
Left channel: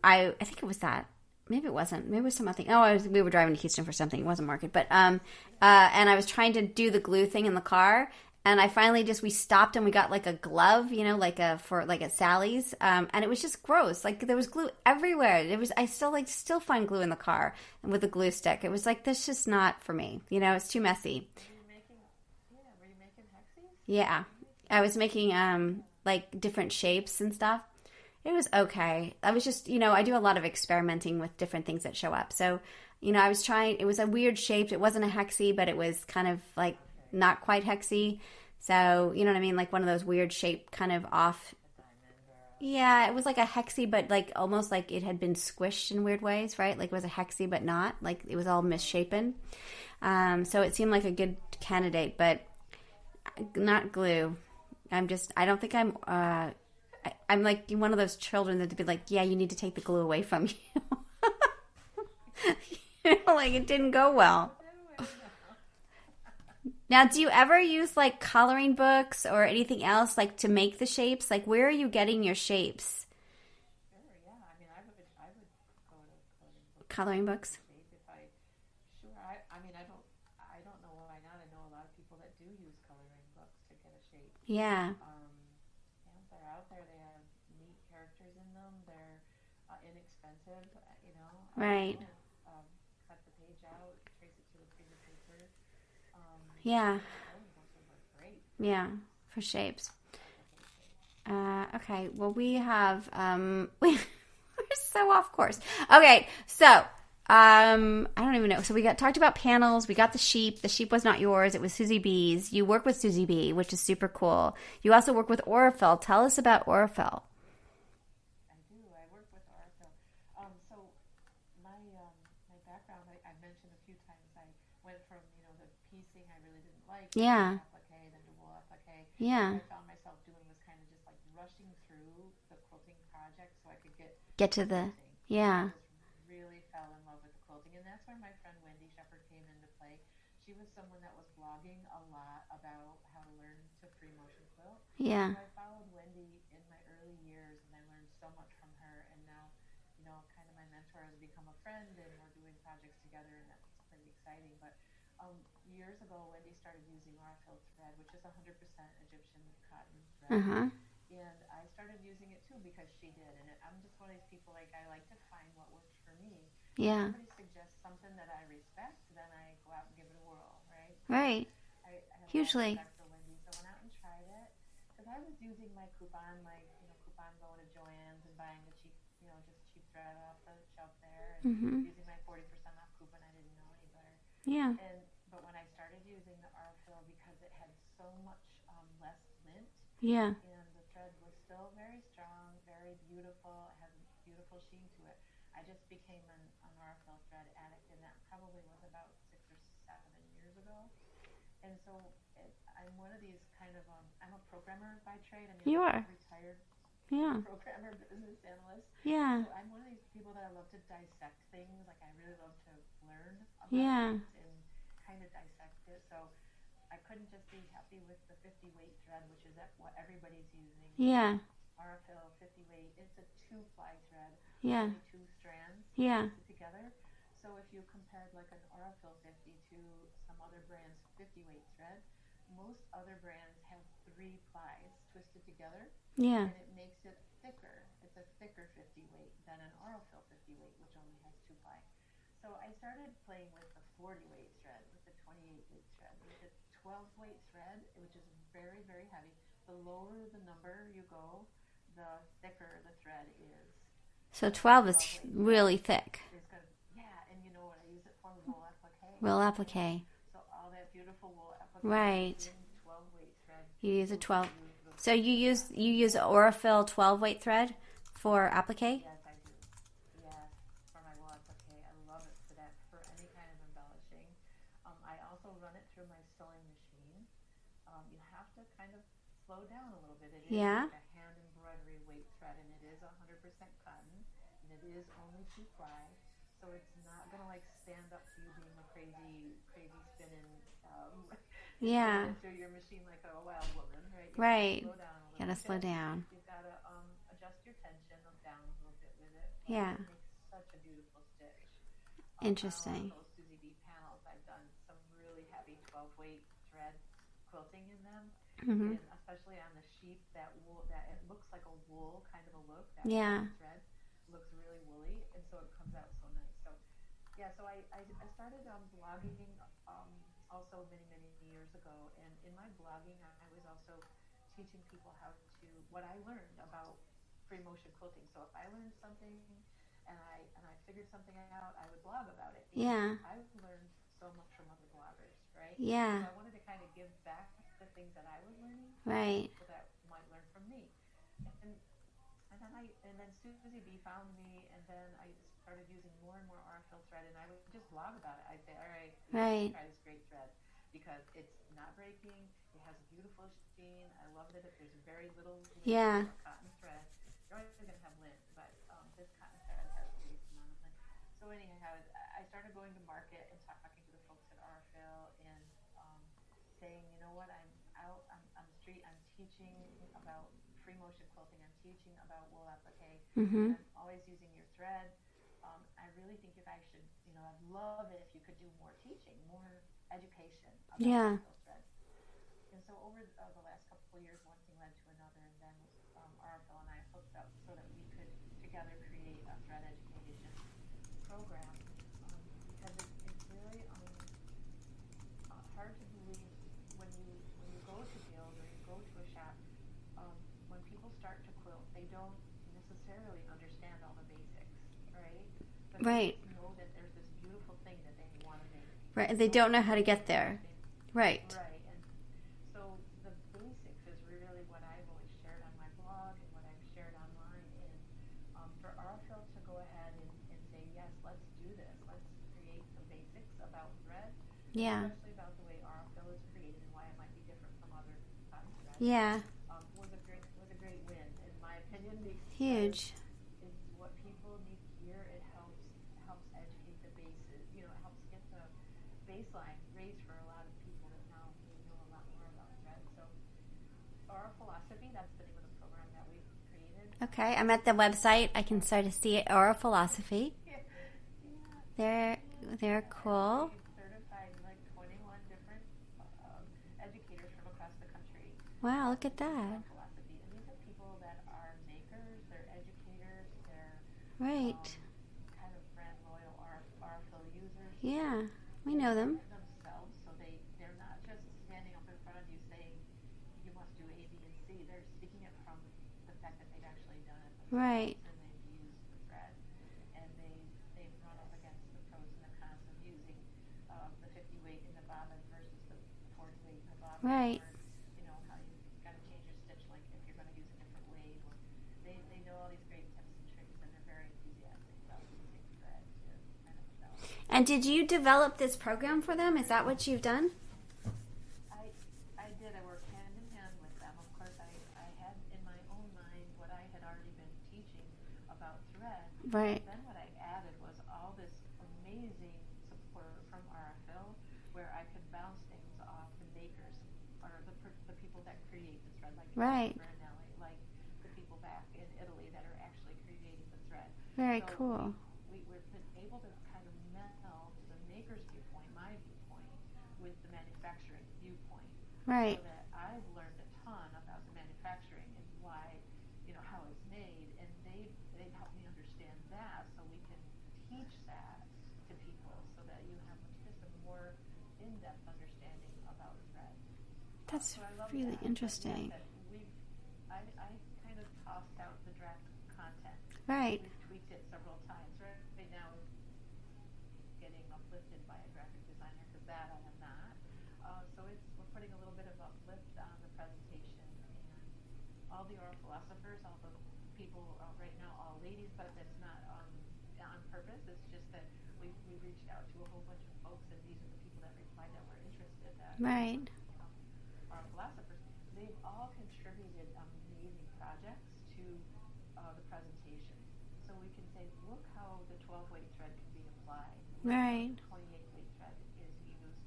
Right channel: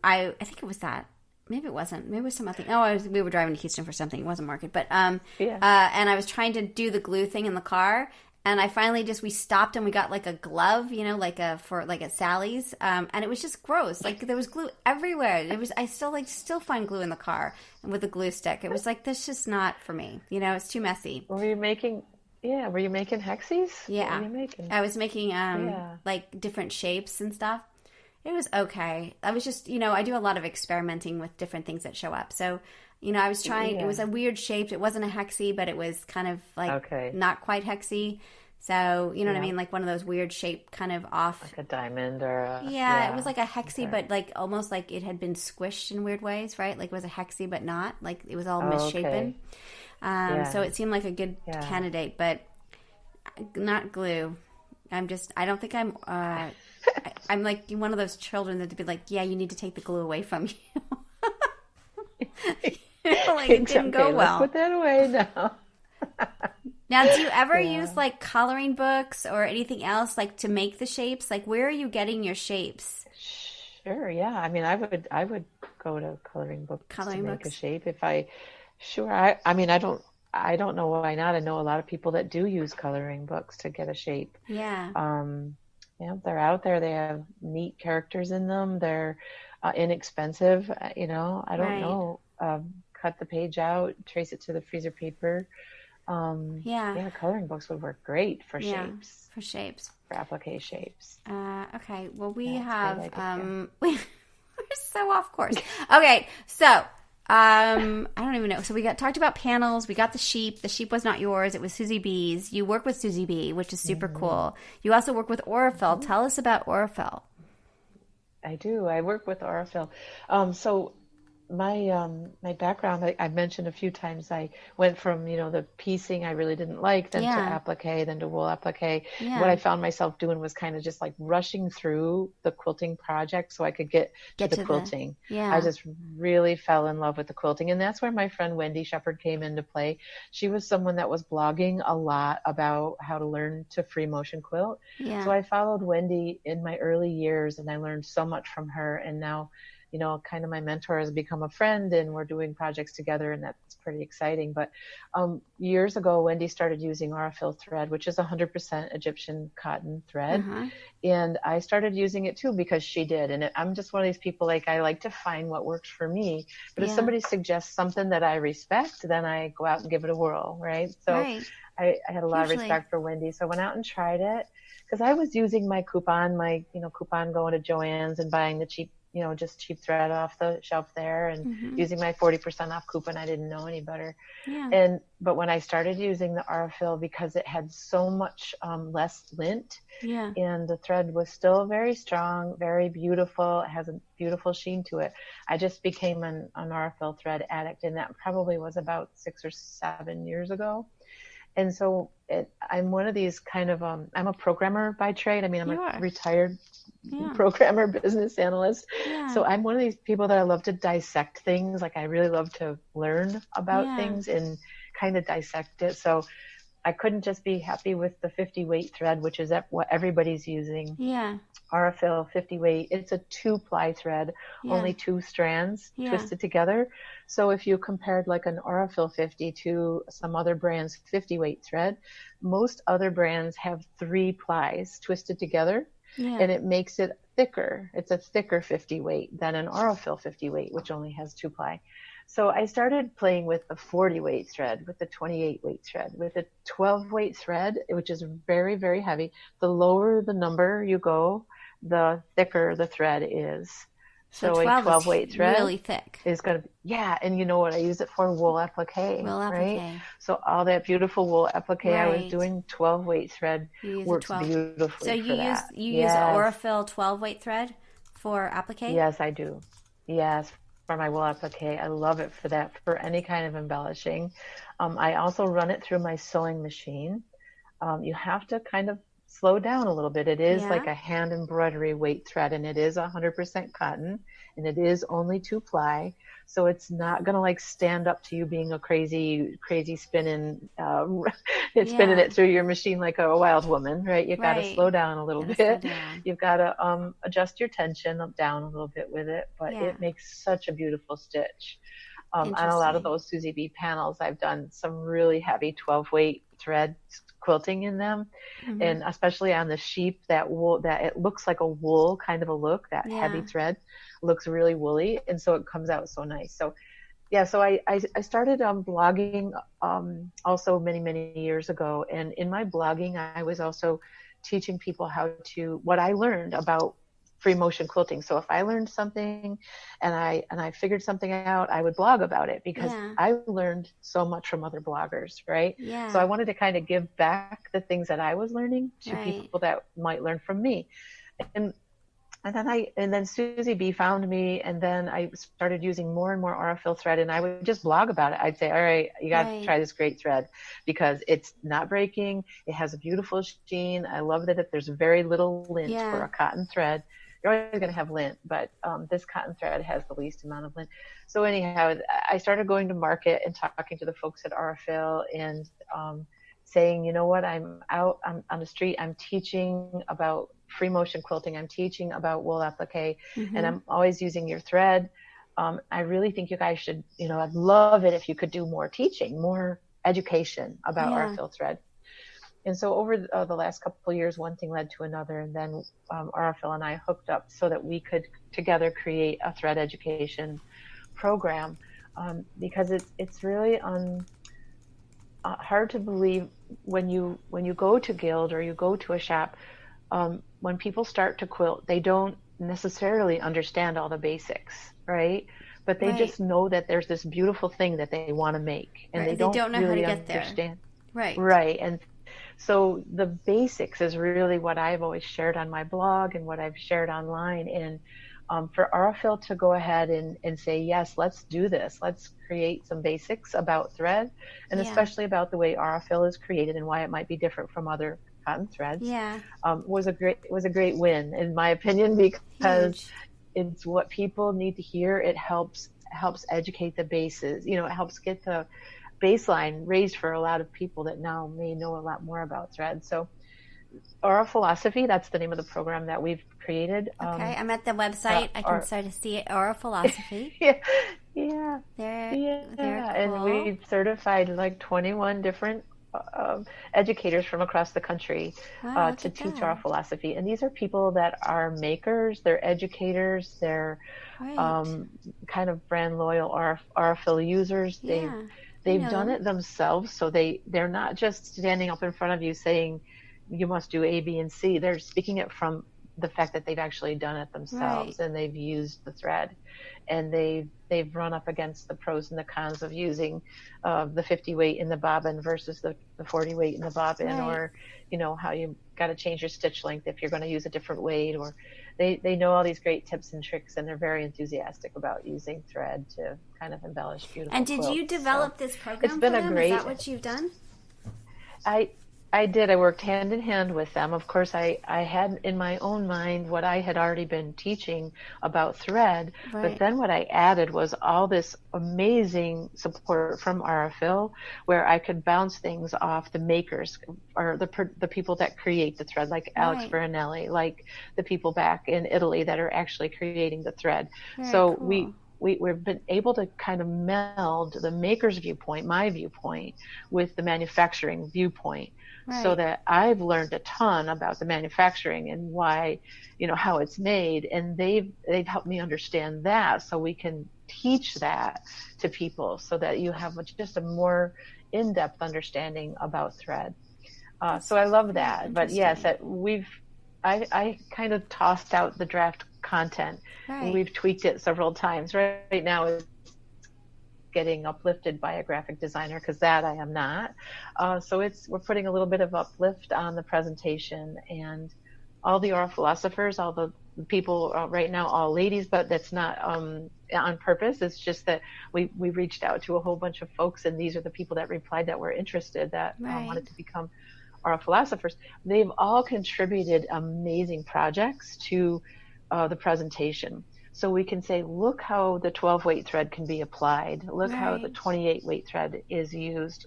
I think it was that. Maybe it wasn't. Maybe it was some other thing. We were driving to Houston for something. It wasn't market. But and I was trying to do the glue thing in the car. And I finally we stopped and we got like a glove, you know, for at Sally's. And it was just gross. Like there was glue everywhere. I still find glue in the car and with a glue stick. It was like, this just not for me. You know, it's too messy. Were you making Hexies? Yeah. What were you making? I was making like different shapes and stuff. It was okay. I was just, I do a lot of experimenting with different things that show up. So, I was trying, it was a weird shape. It wasn't a hexie, but it was kind of like not quite hexie. So, you know what I mean? Like one of those weird shape kind of off. Like a diamond or a... Yeah, it was like a hexie, but like almost like it had been squished in weird ways, right? Like it was a hexie, but not. Like it was all misshapen. So it seemed like a good candidate, but not glue. I don't think I'm... I'm like one of those children that'd be like, yeah, you need to take the glue away from you. Like it didn't go well. Put that away now. Now, do you ever use like coloring books or anything else like to make the shapes? Like, where are you getting your shapes? Sure, yeah. I mean, I would go to coloring books to make a shape if I. Sure, I don't know why not. I know a lot of people that do use coloring books to get a shape. Yeah. They're out there. They have neat characters in them. They're inexpensive. I don't know. Cut the page out, trace it to the freezer paper. Coloring books would work great for shapes. For shapes. For applique shapes. Okay. Well, we have we're so off course. Okay, so I don't even know. So we talked about panels. We got the sheep. The sheep was not yours. It was Suzy B's. You work with Suzy B, which is super cool. You also work with Aurifil. Tell us about Aurifil. I do. I work with Aurifil. So my background, I mentioned a few times, I went from, the piecing I really didn't like, then to applique, then to wool applique. Yeah. What I found myself doing was kind of just like rushing through the quilting project so I could get to the quilting. I just really fell in love with the quilting. And that's where my friend Wendy Shepard came into play. She was someone that was blogging a lot about how to learn to free motion quilt. Yeah. So I followed Wendy in my early years and I learned so much from her. And now kind of my mentor has become a friend, and we're doing projects together, and that's pretty exciting. But years ago, Wendy started using Aurifil thread, which is 100% Egyptian cotton thread. And I started using it too because she did. And I'm just one of these people, like, I like to find what works for me. But if somebody suggests something that I respect, then I go out and give it a whirl, right? So I had a lot of respect for Wendy. So I went out and tried it because I was using my coupon going to Joann's and buying the cheap, just cheap thread off the shelf there, and using my 40% off coupon. I didn't know any better. But when I started using the Aurifil, because it had so much less lint, and the thread was still very strong, very beautiful, it has a beautiful sheen to it, I just became an Aurifil thread addict, and that probably was about 6 or 7 years ago. And so I'm one of these kind of, I'm a programmer by trade. I mean, I'm a retired programmer, business analyst. So I'm one of these people that I love to dissect things. Like, I really love to learn about things and kind of dissect it. So I couldn't just be happy with the 50 weight thread, which is what everybody's using. Aurifil 50 weight. It's a 2-ply thread, only 2 strands twisted together. So if you compared like an Aurifil 50 to some other brand's 50 weight thread, most other brands have 3 plies twisted together, and it makes it thicker. It's a thicker 50 weight than an Aurifil 50 weight, which only has 2 ply. So I started playing with the 40 weight thread, with the 28 weight thread, with the 12 weight thread, which is very, very heavy. The lower the number you go, the thicker the thread is. So 12 weight thread really thick. Is going to, and you know what I use it for? Wool appliqué. Wool appliqué. Right? So all that beautiful wool appliqué, I was doing 12 weight thread. You use works 12. Beautifully. So you use Aurifil 12 weight thread for appliqué? Yes, I do. Yes, for my wool appliqué. I love it for that, for any kind of embellishing. I also run it through my sewing machine. You have to kind of slow down a little bit. It is like a hand embroidery weight thread, and it is 100% cotton, and it is only 2 ply. So it's not going to like stand up to you being a crazy spinning, spinning it through your machine like a wild woman, right? You've got to slow down a little bit. You've got to adjust your tension down a little bit with it, but it makes such a beautiful stitch. On a lot of those Suzy B panels, I've done some really heavy 12 weight thread quilting in them, and especially on the sheep, that wool, that it looks like a wool kind of a look, that heavy thread looks really woolly, and so it comes out so nice. So so I started blogging also many years ago, and in my blogging I was also teaching people what I learned about free motion quilting. So if I learned something and I figured something out, I would blog about it, because I learned so much from other bloggers, right? So I wanted to kind of give back the things that I was learning to people that might learn from me. And then Suzy B found me, and then I started using more and more Aurifil thread, and I would just blog about it. I'd say, all right, you got to try this great thread, because it's not breaking. It has a beautiful sheen. I love that there's very little lint for a cotton thread. You're always going to have lint, but this cotton thread has the least amount of lint. So anyhow, I started going to market and talking to the folks at Aurifil, and saying, you know what, I'm out on the street, I'm teaching about free motion quilting, I'm teaching about wool applique, and I'm always using your thread. I really think you guys should, I'd love it if you could do more teaching, more education about Aurifil thread. And so over the last couple of years, one thing led to another, and then Aurifil and I hooked up so that we could together create a thread education program, because it's really hard to believe when you go to Guild or you go to a shop, when people start to quilt, they don't necessarily understand all the basics, right? But they just know that there's this beautiful thing that they want to make, and they don't know how to get there. Right. And so the basics is really what I've always shared on my blog and what I've shared online. And for Aurifil to go ahead and say, yes, let's do this. Let's create some basics about thread, and especially about the way Aurifil is created and why it might be different from other cotton threads. Was a great win, in my opinion, because it's what people need to hear. It helps educate the bases. It helps get the baseline raised for a lot of people that now may know a lot more about thread. So Aura Philosophy, that's the name of the program that we've created. Okay, I'm at the website. I can start to see it. Aurifil. Yeah. They're cool. And we've certified like 21 different educators from across the country to teach our philosophy. And these are people that are makers, they're educators, they're kind of brand loyal Aurifil users. They've done it themselves, so they're not just standing up in front of you saying you must do A, B, and C. They're speaking it from the fact that they've actually done it themselves, and they've used the thread, and they've run up against the pros and the cons of using the 50 weight in the bobbin versus the 40 weight in the bobbin, or how you got to change your stitch length if you're going to use a different weight, or they know all these great tips and tricks, and they're very enthusiastic about using thread to kind of embellish beautiful And did quilts. you develop this program for them? Is that what you've done? I did. I worked hand in hand with them. Of course, I had in my own mind what I had already been teaching about thread, but then what I added was all this amazing support from Aurifil, where I could bounce things off the makers or the people that create the thread, like Alex Veronelli, like the people back in Italy that are actually creating the thread. So cool. We've been able to kind of meld the maker's viewpoint, my viewpoint, with the manufacturing viewpoint. So that I've learned a ton about the manufacturing and why, how it's made, and they've helped me understand that, so we can teach that to people, so that you have just a more in-depth understanding about thread. So I love that. But yes, I kind of tossed out the draft content. We've tweaked it several times. Right now it's getting uplifted by a graphic designer, because that I am not. So we're putting a little bit of uplift on the presentation, and all the Philosophers, all the people right now, all ladies, but that's not on purpose. It's just that we reached out to a whole bunch of folks, and these are the people that replied that were interested, that wanted to become Philosophers. They've all contributed amazing projects to the presentation. So we can say, look how the 12 weight thread can be applied. Look how the 28 weight thread is used.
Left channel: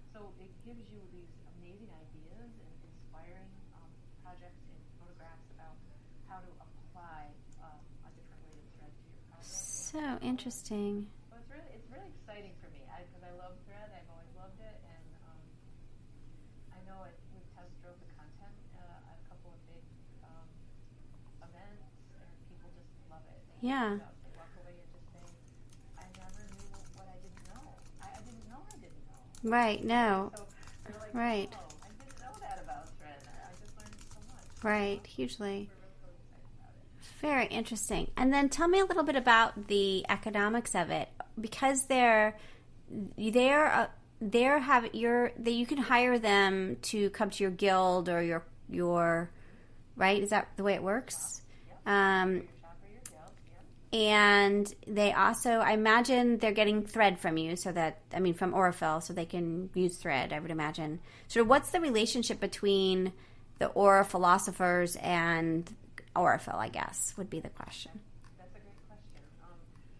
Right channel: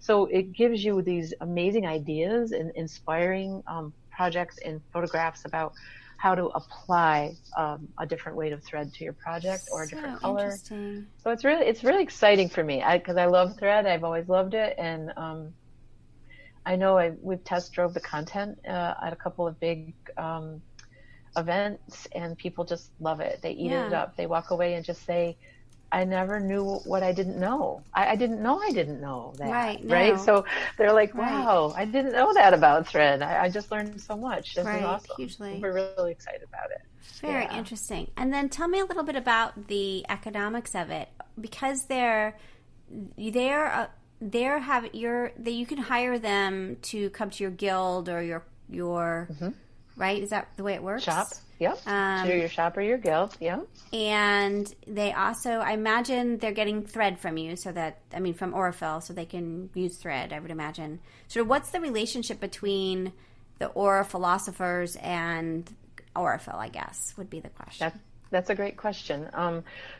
So it gives you these amazing ideas and inspiring projects and photographs about how to apply a different weight of thread to your project or a different color. Interesting. So it's really exciting for me, because I love thread. I've always loved it, and I know we've test drove the content at a couple of big events, and people just love it. They eat it up. They walk away and just say, I never knew what I didn't know. I didn't know that. Right. So they're like, wow, I didn't know that about thread. I just learned so much. This is awesome. Hugely. We're really excited about it. Very interesting. And then tell me a little bit about the economics of it, because you can hire them to come to your guild or your right? Is that the way it works? Shop. Yep. To your shop or your guild. Yep. And they also, I imagine they're getting thread from you, from Aurifil, so they can use thread, I would imagine. So what's the relationship between the Philosophers and Aurifil, I guess, would be the question. That's a great question.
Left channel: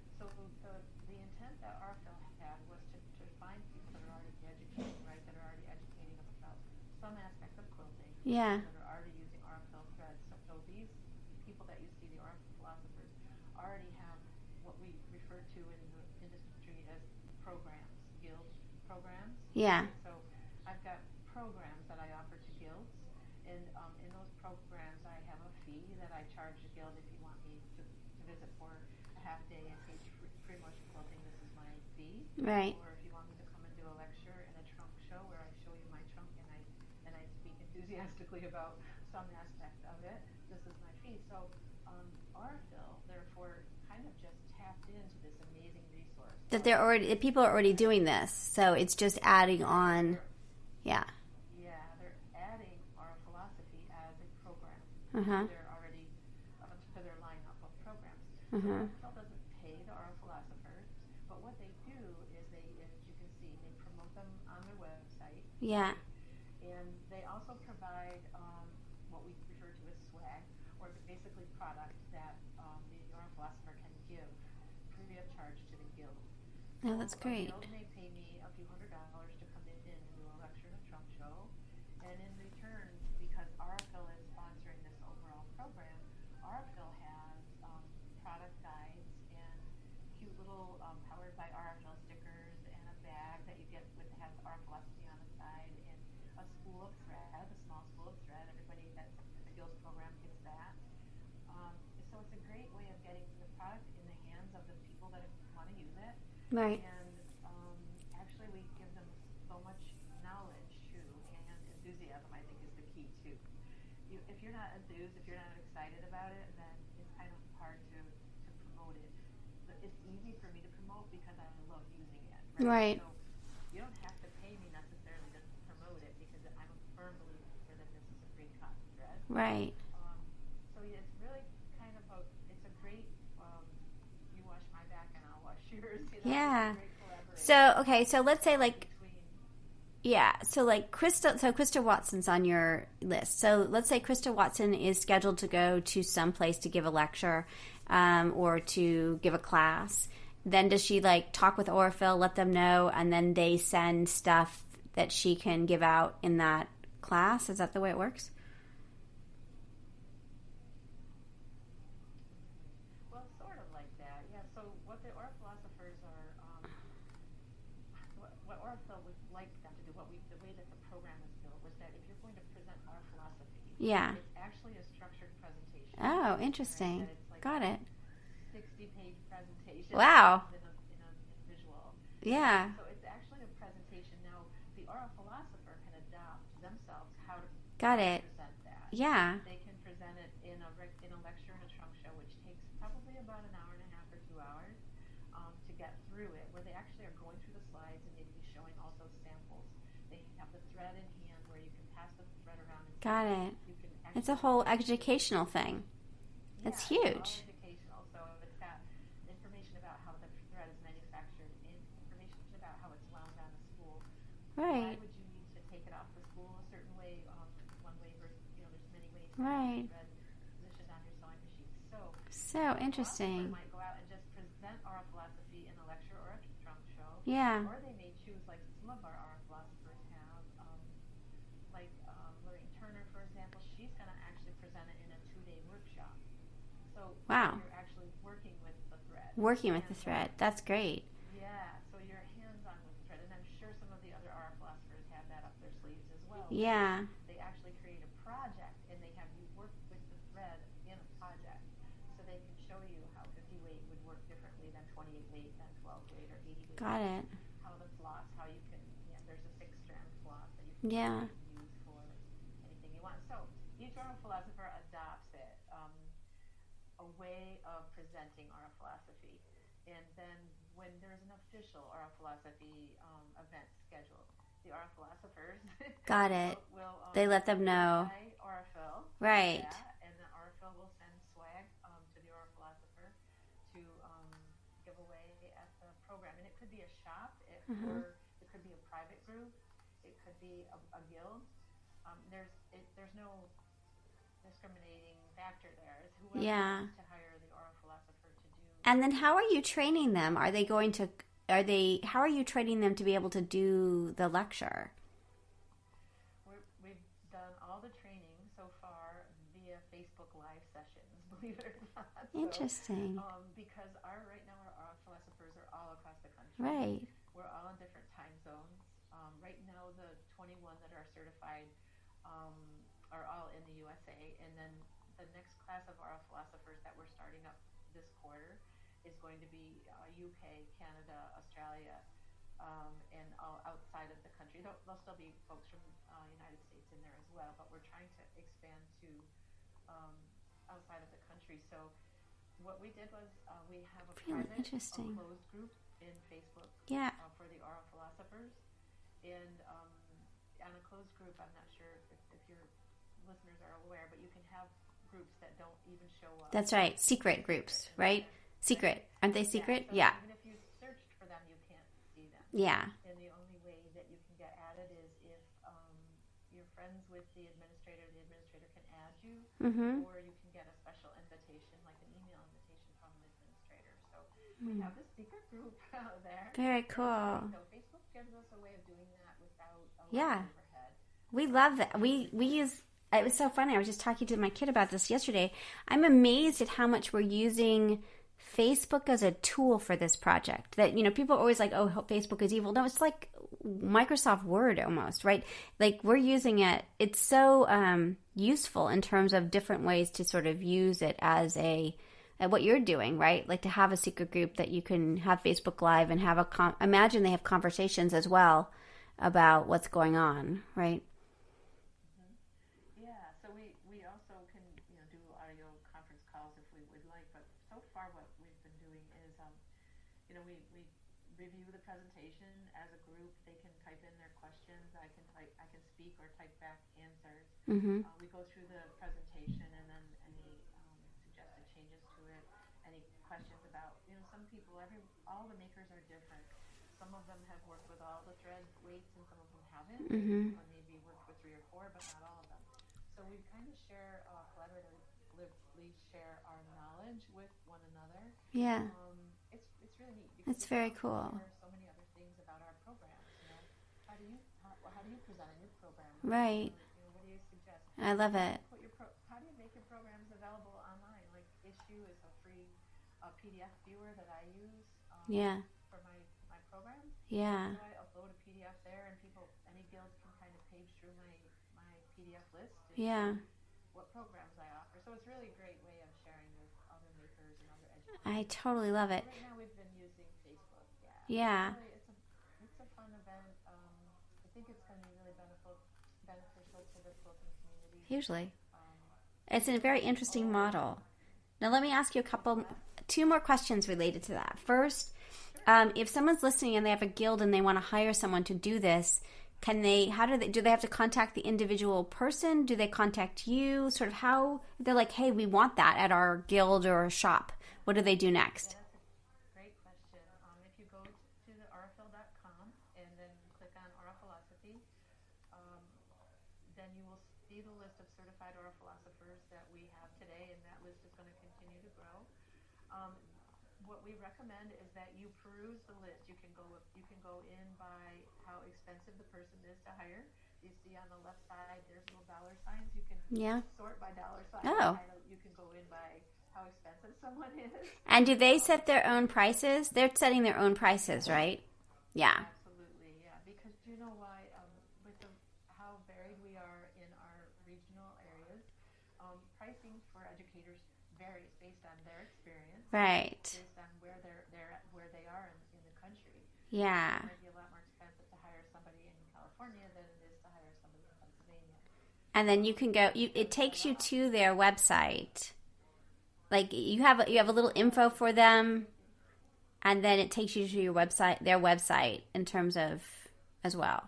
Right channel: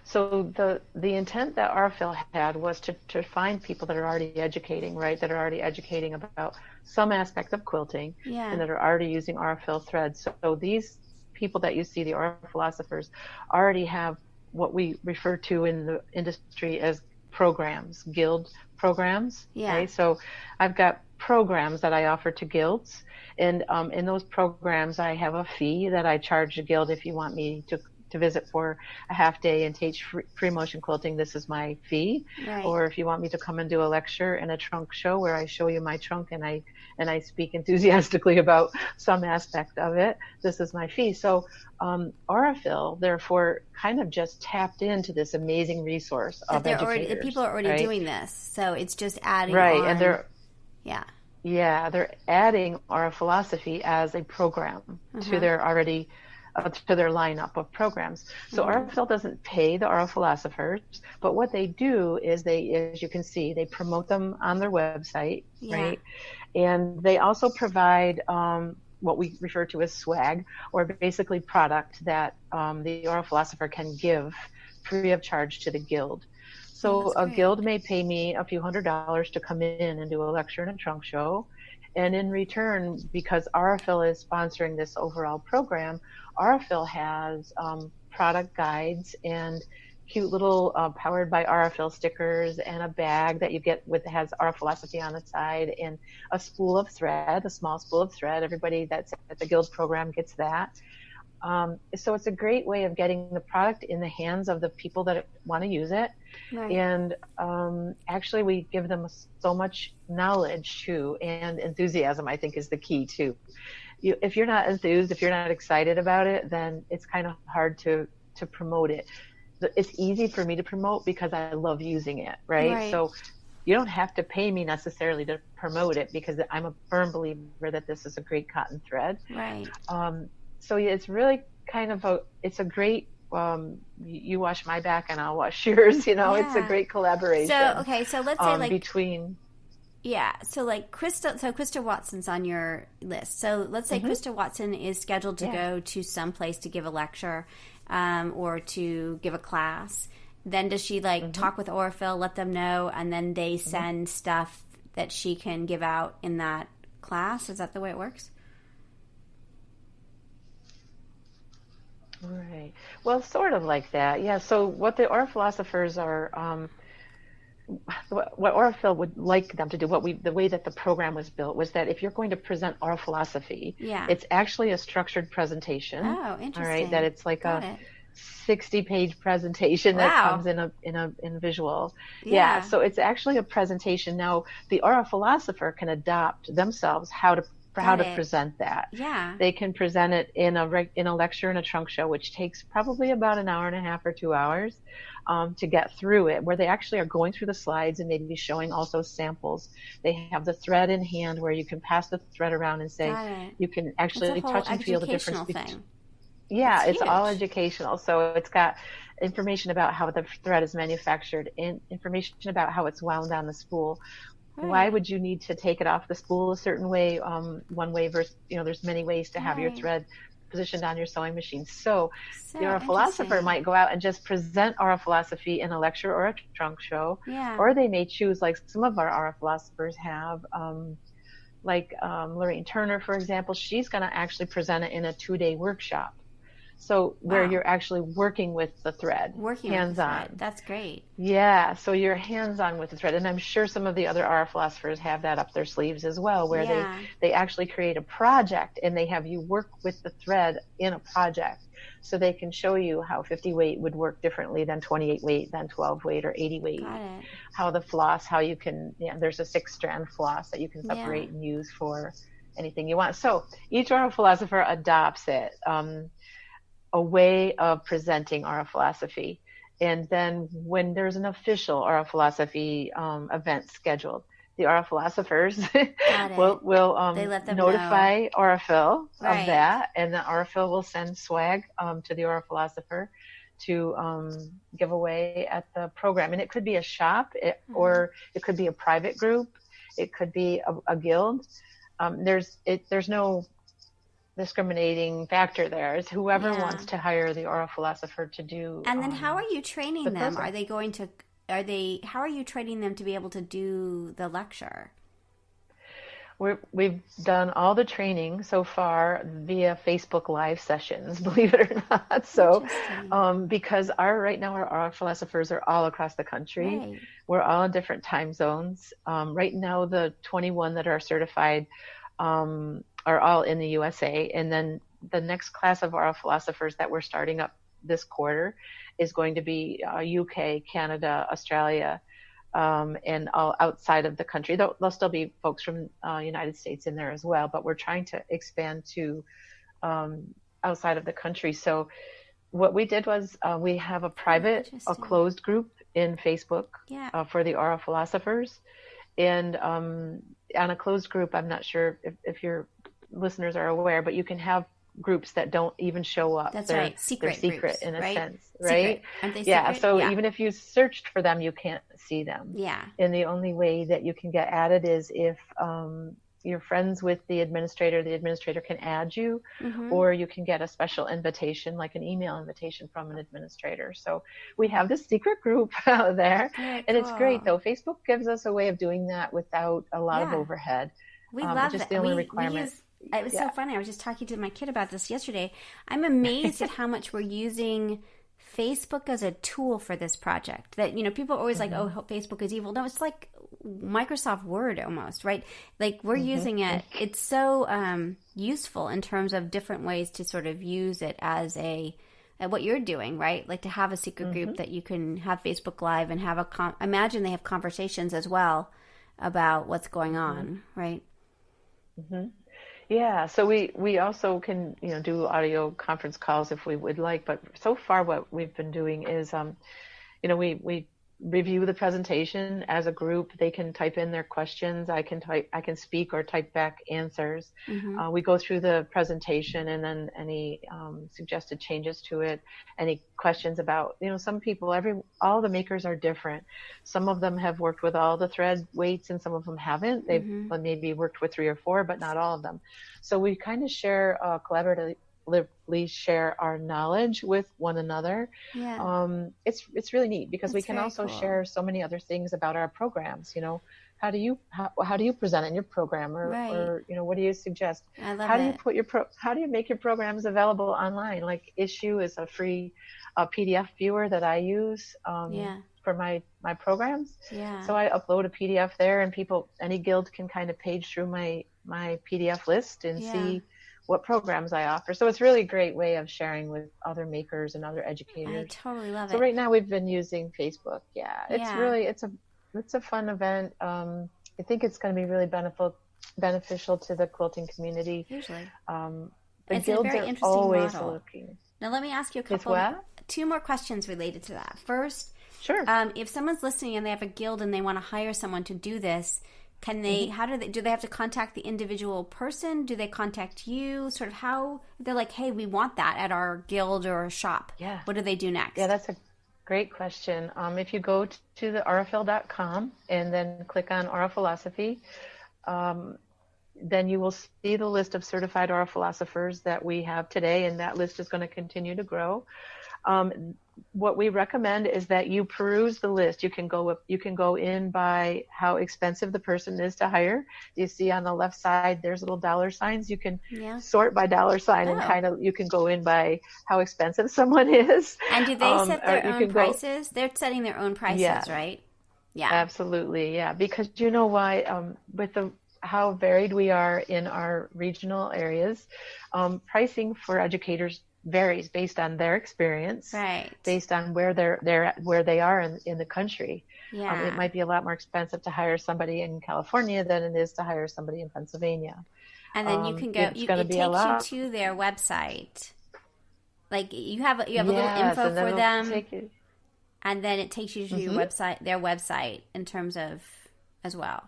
So the intent that Aurifil had was to find people that are already educating, right? That are already educating about some aspect of quilting, and that are already using Aurifil threads. So these people that you see, the Philosophers, already have what we refer to in the industry as programs, guild programs. Right? So I've got programs that I offer to guilds, and in those programs I have a fee that I charge a guild. If you want me to visit for a half day and teach free motion quilting, this is my fee. Or if you want me to come and do a lecture and a trunk show where I show you my trunk and I speak enthusiastically about some aspect of it, this is my fee. So Aurifil, therefore, kind of just tapped into this amazing resource that the people are already doing this, so it's just adding on. And they're adding our philosophy as a program to their already to their lineup of programs. So Aurifil doesn't pay the Philosophers, but what they do is as you can see, they promote them on their website, right? And they also provide what we refer to as swag, or basically product that the Philosopher can give free of charge to the guild. So a guild may pay me a few $100s to come in and do a lecture and a trunk show, And in return, because Aurifil is sponsoring this overall program, Aurifil has product guides and cute little powered by Aurifil stickers and a bag that you get with has our philosophy on the side and a spool of thread, a small spool of thread. Everybody that's at the Guild program gets that. So it's a great way of getting the product in the hands of the people that want to use it. Right. And actually, we give them so much knowledge too, and enthusiasm, I think, is the key too. If you're not enthused, if you're not excited about it, then it's kind of hard to promote it. It's easy for me to promote because I love using it, right? So you don't have to pay me necessarily to promote it because I'm a firm believer that this is a great cotton thread. Right. So it's really kind of it's a great, you wash my back and I'll wash yours, It's a great collaboration. So, okay, so let's say between. Yeah, so like Krista Watson's on your list. So let's say Krista Watson is scheduled to go to some place to give a lecture or to give a class. Then does she talk with Aurifil, let them know, and then they send stuff that she can give out in that class? Is that the way it works? Right. Well, sort of like that. Yeah. So what the Philosophers are, what Aurifil would like them to do, the way that the program was built was that if you're going to present our philosophy, it's actually a structured presentation. Oh, interesting. All right. That it's like Got it. 60-page presentation that comes in visual. Yeah. So it's actually a presentation. Now, the Philosopher can adopt themselves how to present that. Yeah. They can present it in a lecture in a trunk show, which takes probably about an hour and a half or 2 hours to get through it, where they actually are going through the slides and maybe showing also samples. They have the thread in hand where you can pass the thread around and say, you can actually touch and feel the difference. It's a whole educational thing. Yeah, it's all educational. So it's got information about how the thread is manufactured and information about how it's wound on the spool. Right. Why would you need to take it off the spool a certain way, one way versus, there's many ways to have your thread positioned on your sewing machine. So your philosopher might go out and just present our philosophy in a lecture or a trunk show. Yeah. Or they may choose, like some of our philosophers have, Lorraine Turner, for example, she's going to actually present it in a 2-day workshop. So where you're actually working with the thread. Working with the thread. That's great. Yeah, so you're hands-on with the thread. And I'm sure some of the other Philosophers have that up their sleeves as well, where they actually create a project and they have you work with the thread in a project. So they can show you how 50 weight would work differently than 28 weight, than 12 weight or 80 weight. Got it. How the floss, how you can, there's a 6-strand floss that you can separate and use for anything you want. So each Philosopher adopts it. A way of presenting our philosophy. And then when there's an official Aura Philosophy event scheduled, the Aura Philosophers will they let them notify Aurifil of that, and the Aurifil will send swag to the Aura Philosopher to give away at the program. And it could be a shop, or it could be a private group, it could be a guild. There's no discriminating factor there. Is whoever wants to hire the Aura Philosopher to do. And then how are you training them? How are you training them to be able to do the lecture? We've done all the training so far via Facebook Live sessions, believe it or not. So, because right now our Philosophers are all across the country. Right. We're all in different time zones. Right now, the 21 that are certified are all in the USA. And then the next class of our Philosophers that we're starting up this quarter is going to be UK, Canada, Australia, and all outside of the country. There'll still be folks from United States in there as well, but we're trying to expand to outside of the country. So what we did was we have a private, a closed group in Facebook for the Aura Philosophers. And on a closed group, I'm not sure if your listeners are aware, but you can have groups that don't even show up. That's right. Secret groups, in a sense, right? Secret. Aren't they secret? Yeah. So even if you searched for them, you can't see them. Yeah. And the only way that you can get added is if you're friends with the administrator can add you, or you can get a special invitation, like an email invitation from an administrator. So we have this secret group out there, and it's great though. Facebook gives us a way of doing that without a lot of overhead. We love just that. the only We requirement. use. It was so funny. I was just talking to my kid about this yesterday. I'm amazed at how much we're using Facebook as a tool for this project. That, people are always like, oh, Facebook is evil. No, it's like Microsoft Word almost, right? Like we're using it. It's so useful in terms of different ways to sort of use it as at what you're doing, right? Like to have a secret group that you can have Facebook Live and have imagine they have conversations as well about what's going on, right? Yeah, so we also can do audio conference calls if we would like, but so far what we've been doing is we review the presentation as a group. They can type in their questions. I can speak or type back answers. We go through the presentation and then any suggested changes to it, any questions about, some people, all the makers are different. Some of them have worked with all the thread weights and some of them haven't. They've maybe worked with 3 or 4, but not all of them. So we kind of share collaboratively share our knowledge with one another. Yeah. It's really neat because we That's can very also cool. share so many other things about our programs. How do you present in your program, or what do you suggest? I love how it. do you how do you make your programs available online? Like Issue is a free PDF viewer that I use for my programs. Yeah. So I upload a PDF there, and any guild can kind of page through my PDF list and see what programs I offer. So it's really a great way of sharing with other makers and other educators. I totally love it. So right now we've been using Facebook. It's a fun event. I think it's going to be really beneficial to the quilting community. Hugely. It's a very interesting model. Now let me ask you two more questions related to that. First, sure. If someone's listening and they have a guild and they want to hire someone to do this, can they, do they have to contact the individual person? Do they contact you? Sort of how, they're like, hey, we want that at our guild or shop. Yeah. What do they do next? Yeah, that's a great question. If you go to the aurifil.com and then click on Aurifilosophy, then you will see the list of certified Aurifilosopers that we have today, and that list is going to continue to grow. What we recommend is that you peruse the list. You can go in by how expensive the person is to hire. You see on the left side there's little dollar signs. You can sort by dollar sign and you can go in by how expensive someone is. And do they set their own prices? They're setting their own prices, right? Yeah, absolutely. Yeah, because you know why? With how varied we are in our regional areas, pricing for educators varies based on their experience, right? Based on where they are in the country. Yeah, it might be a lot more expensive to hire somebody in California than it is to hire somebody in Pennsylvania. And then you can go. It takes you to their website. Like you have a little info for them, and then it takes you to your website, their website, in terms of as well.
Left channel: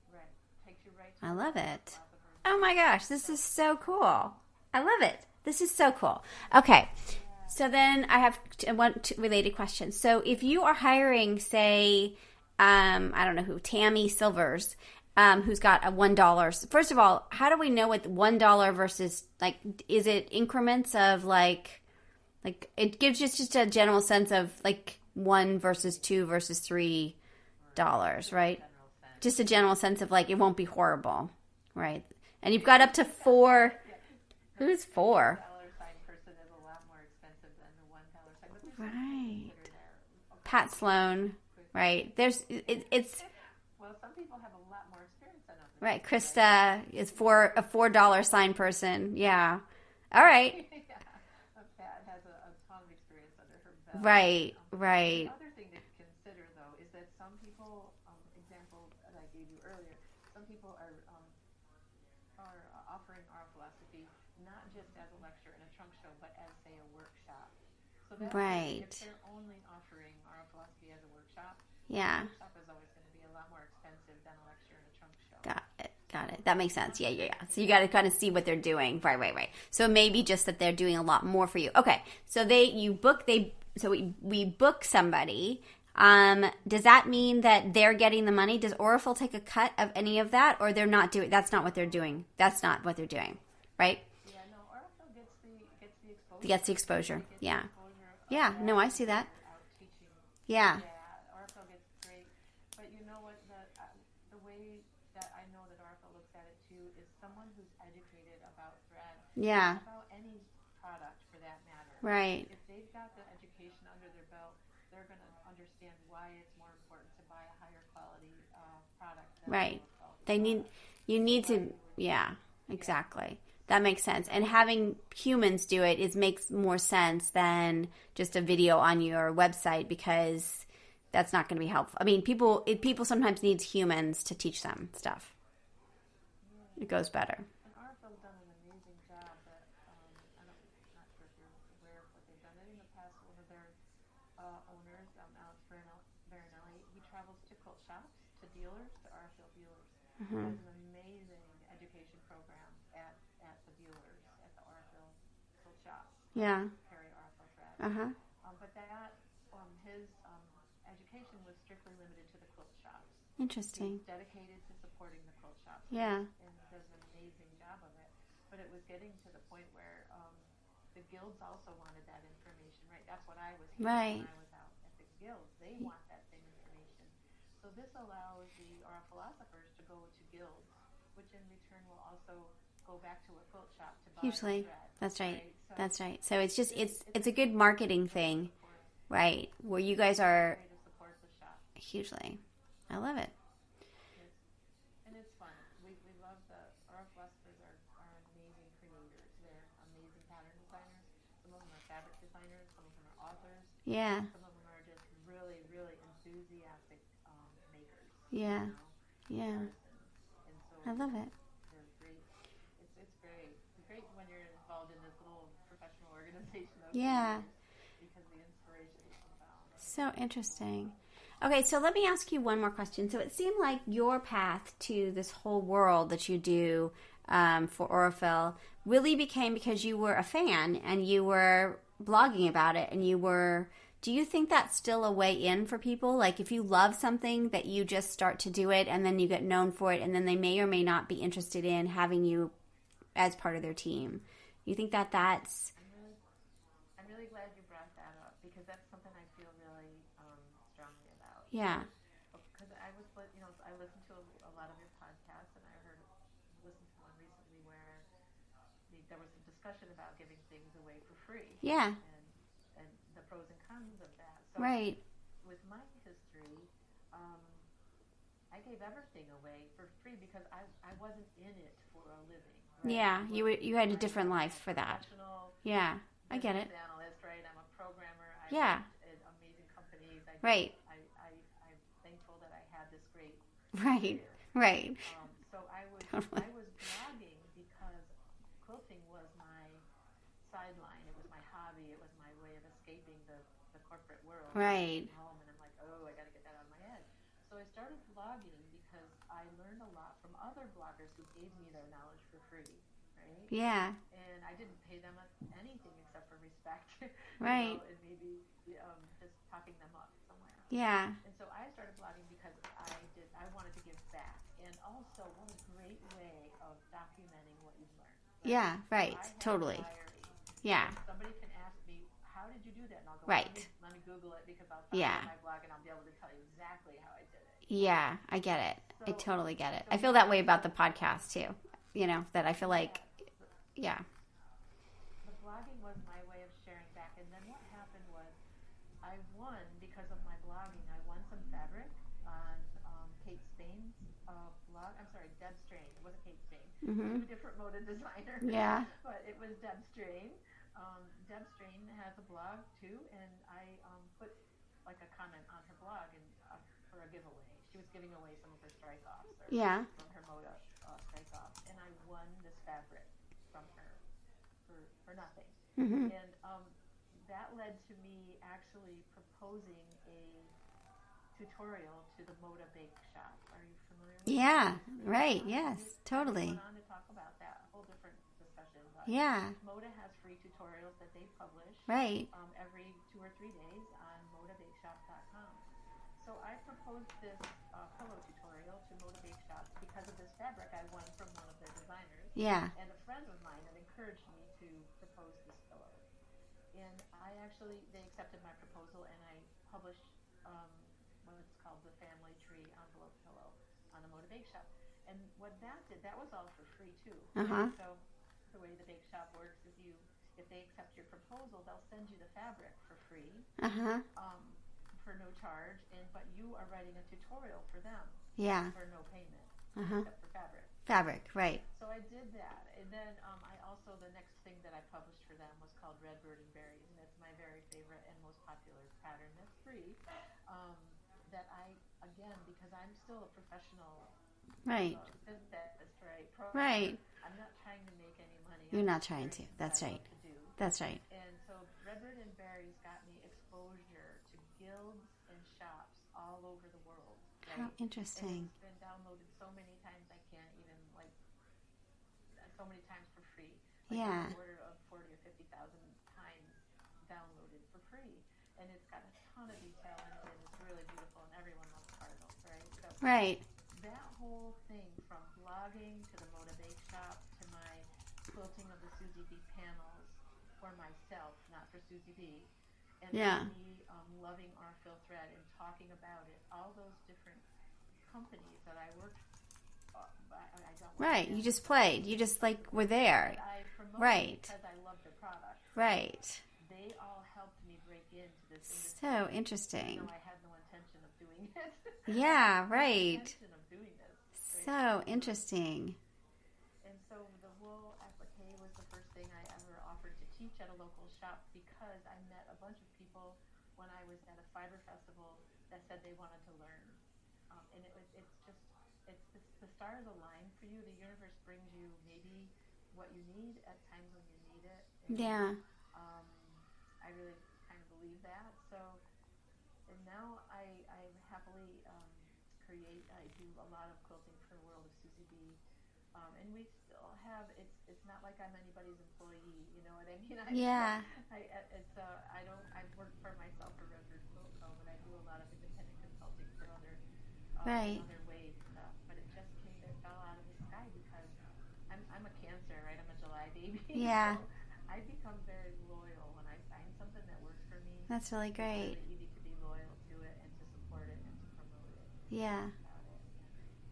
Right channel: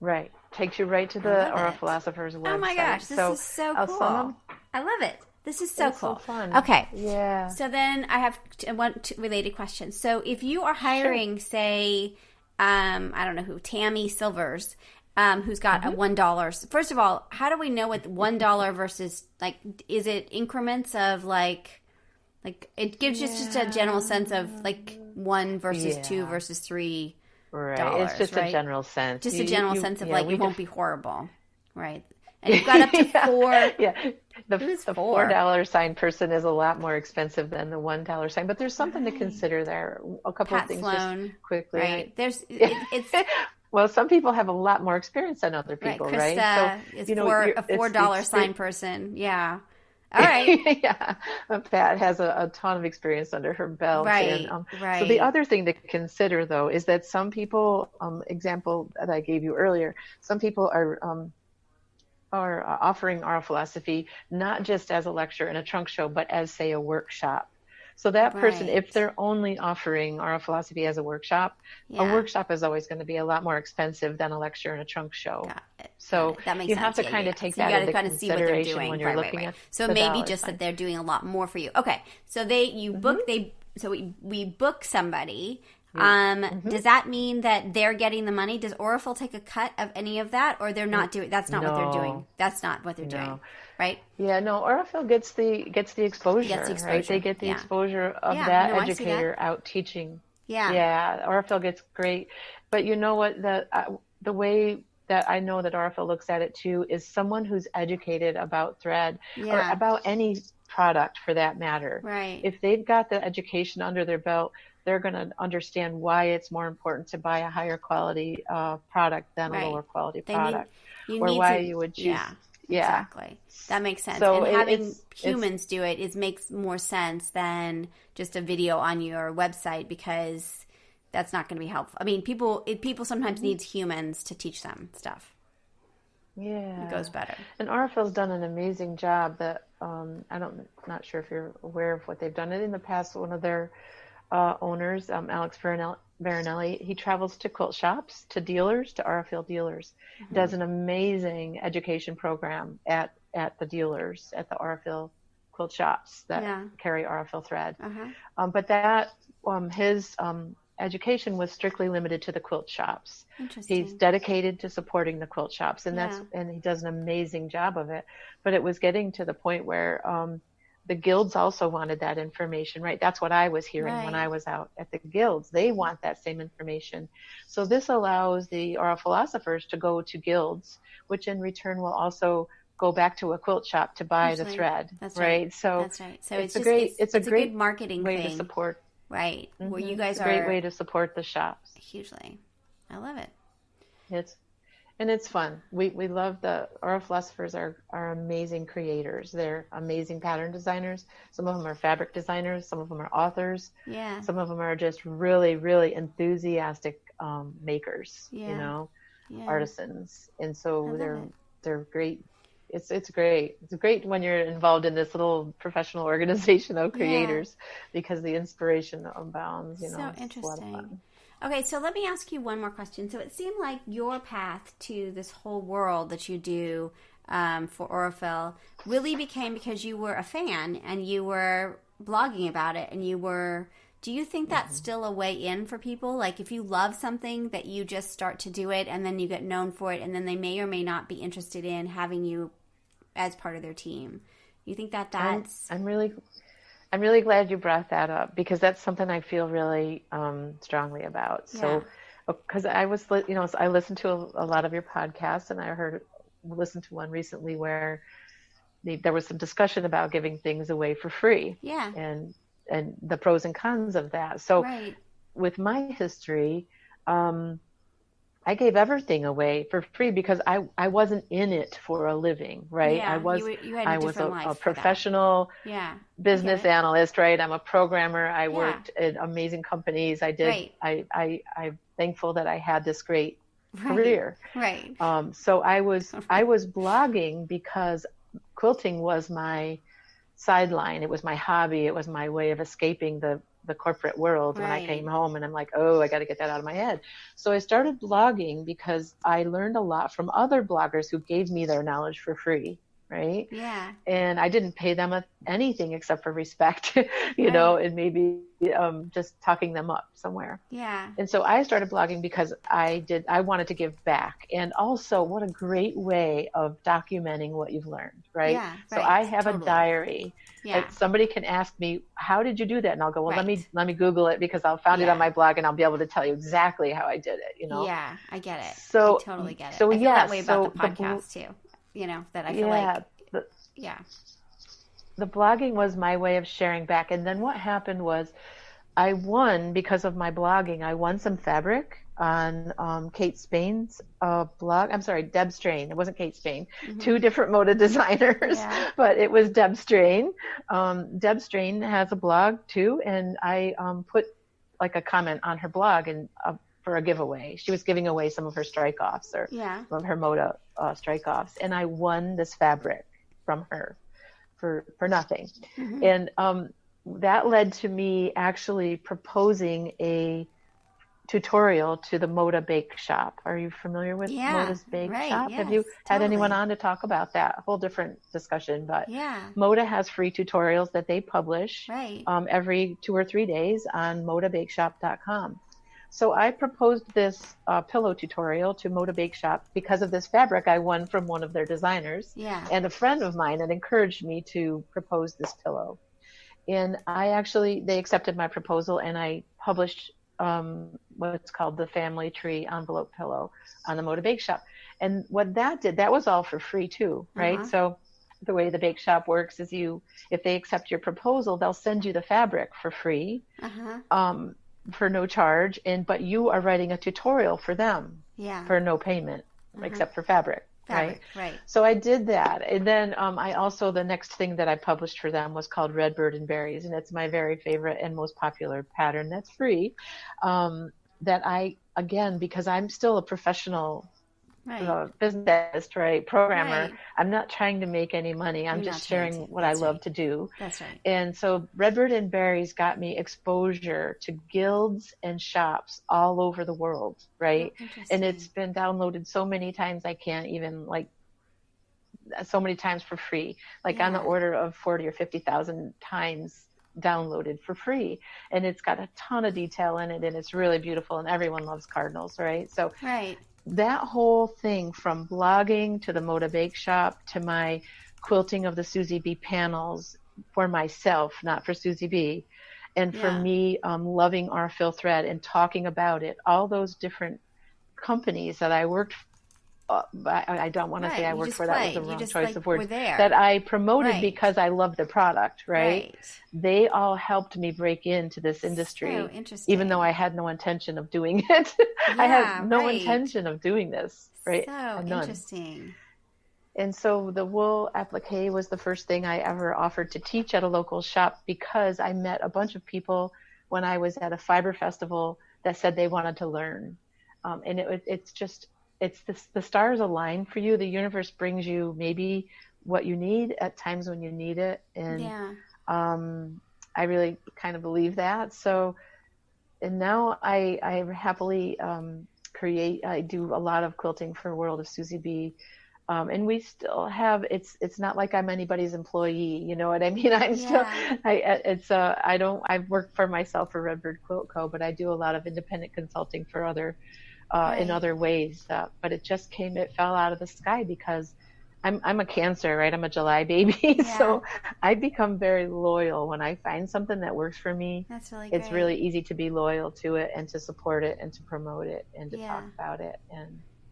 Right, takes you right to the Aurifilosopher's website. Oh my gosh, this is so cool! I love it. This is so cool. So fun. Okay. Yeah. So then I have one related question. So if you are hiring, say, I don't know who, Tammy Silvers, who's got a $1. First of all, how do we know what $1 versus, like, is it increments of like it gives just a general sense of like 1 versus 2 versus $3, right? It's just right? a general sense. Just a general sense of like it won't be horrible, right? And you've got up to 4. Yeah. The $4 sign person is a lot more expensive than the $1 sign, but there's something to consider there. A couple Pat of things Sloan, just quickly. Right? There's it's well, some people have a lot more experience than other people, right? Krista is a $4 sign person. Yeah. All right. Yeah. Pat has a ton of experience under her belt. Right. Right. So the other thing to consider, though, is that some people, example that I gave you earlier, some people are offering Aurifilosophy not just as a lecture and a trunk show, but as, say, a workshop. So that person, if they're only offering Aurifilosophy as a workshop is always going to be a lot more expensive than a lecture and a trunk show. Got it. So that makes you sense. have to kind of take so that you got to into kind of see what they're doing. Right. So maybe just that they're doing a lot more for you. Okay. So we book somebody. Does that mean that they're getting the money? Does Aurifil take a cut of any of that, or they're not doing? That's not what they're doing. That's not what they're doing, right? Yeah, no. Aurifil gets the exposure. Gets the exposure. Right? They get the exposure of that educator out teaching. Yeah. Aurifil gets great, but you know what? The way that I know that Aurifil looks at it too is someone who's educated about thread or Yeah. about any product for that matter. Right. If they've got the education under their belt, they're going to understand why it's more important to buy a higher quality product than a Right. lower quality They product, you or need why to, you would choose. yeah, Yeah. exactly. That makes sense. So and having it's humans do it makes more sense than just a video on your website, because that's not going to be helpful. I mean, people sometimes need humans to teach them stuff. Yeah, It goes better. And Aurifil's done an amazing job. That not sure if you're aware of what they've done. In the past, one of their owners, Alex Veronelli, he travels to quilt shops, to dealers, to Aurifil dealers, does an amazing education program at the dealers, at the Aurifil quilt shops that carry Aurifil thread. But that his education was strictly limited to the quilt shops. Interesting. He's dedicated to supporting the quilt shops, and and he does an amazing job of it. But it was getting to the point where the guilds also wanted that information, right? That's what I was hearing when I was out at the guilds. They want that same information. So this allows the Philosophers to go to guilds, which in return will also go back to a quilt shop to buy the thread. That's right. So that's right. So it's a good marketing way thing. To support. Right. Where you guys are a are great way to support the shops. Hugely. I love it. It's fun. We love our Philosophers are amazing creators. They're amazing pattern designers. Some of them are fabric designers. Some of them are authors. Yeah. Some of them are just really, really enthusiastic makers. Artisans. And so they're great. It's great. It's great when you're involved in this little professional organization of creators, because the inspiration abounds. So interesting. Okay, so let me ask you one more question. So it seemed like your path to this whole world that you do for Aurifil really became because you were a fan and you were blogging about it, and do you think that's still a way in for people? Like, if you love something, that you just start to do it and then you get known for it, and then they may or may not be interested in having you as part of their team. You think that's... I'm really glad you brought that up, because that's something I feel really strongly about. Yeah. So, because I listened to a lot of your podcasts, and I listened to one recently where there was some discussion about giving things away for free. Yeah. And the pros and cons of that. So with my history, I gave everything away for free because I wasn't in it for a living, right? Yeah, you had a different life. I was a professional business analyst, right? I'm a programmer. I worked at amazing companies. I did. I'm thankful that I had this great career. Right. So I was blogging because quilting was my sideline. It was my hobby. It was my way of escaping the corporate world when I came home, and I'm like, oh, I got to get that out of my head. So I started blogging because I learned a lot from other bloggers who gave me their knowledge for free, right? Yeah. And I didn't pay them anything except for respect, you know, and maybe just talking them up somewhere. Yeah. And so I started blogging because I wanted to give back. And also, what a great way of documenting what you've learned, right? Yeah, so I have a diary. Yeah. Like, somebody can ask me, how did you do that? And I'll go, well, let me Google it, because I'll find it on my blog, and I'll be able to tell you exactly how I did it, you know? Yeah, I get it. So, I totally get it. So, I feel that way about the podcast too. You know, that I feel like, the blogging was my way of sharing back. And then what happened was I won, because of my blogging, I won some fabric on Kate Spain's blog. I'm sorry, Deb Strain. It wasn't Kate Spain. Two different Moda designers, but it was Deb Strain. Deb Strain has a blog too, and I put like a comment on her blog and for a giveaway. She was giving away some of her strike-offs or some of her Moda strike-offs, and I won this fabric from her for nothing. And that led to me actually proposing a tutorial to the Moda Bake Shop. Are you familiar with Moda's Bake Shop? Yes, have you had anyone on to talk about that? A whole different discussion, but Moda has free tutorials that they publish every 2 or 3 days on modabakeshop.com. So I proposed this pillow tutorial to Moda Bake Shop because of this fabric I won from one of their designers. And a friend of mine had encouraged me to propose this pillow. And they accepted my proposal, and I published what's called the Family Tree envelope pillow on the Moda Bake Shop. And what that did, that was all for free too, right? So the way the bake shop works is if they accept your proposal, they'll send you the fabric for free, for no charge. But you are writing a tutorial for them for no payment, except for fabric. Right. So I did that. And then the next thing that I published for them was called Redbird and Berries. And it's my very favorite and most popular pattern that's free. That because I'm still a professional business, programmer. I'm not trying to make any money. I'm just sharing what I love to do. That's right. And so Redbird and Berries got me exposure to guilds and shops all over the world, right? Oh, and it's been downloaded so many times I can't even so many times for free, on the order of 40 or 50,000 times downloaded for free. And it's got a ton of detail in it, and it's really beautiful, and everyone loves cardinals, right? So that whole thing, from blogging to the Moda Bake Shop to my quilting of the Suzy B Panels for myself, not for Suzy B, and for me loving Aurifil thread and talking about it, all those different companies that I worked for, I don't want to say I worked for, that was the wrong choice of words, that I promoted because I love the product, right? They all helped me break into this industry. So interesting. Even though I had no intention of doing it. I had no intention of doing this, right? So interesting. And so the wool applique was the first thing I ever offered to teach at a local shop, because I met a bunch of people when I was at a fiber festival that said they wanted to learn. And it's the stars align for you. The universe brings you maybe what you need at times when you need it. And I really kind of believe that. So, and now I happily I do a lot of quilting for World of Suzy B. And we still have, it's not like I'm anybody's employee, you know what I mean? I've worked for myself for Redbird Quilt Co., but I do a lot of independent consulting for other in other ways, but it fell out of the sky because I'm a Cancer, right? I'm a July baby, so I become very loyal when I find something that works for me. That's really great. It's really easy to be loyal to it and to support it and to promote it and to talk about it. And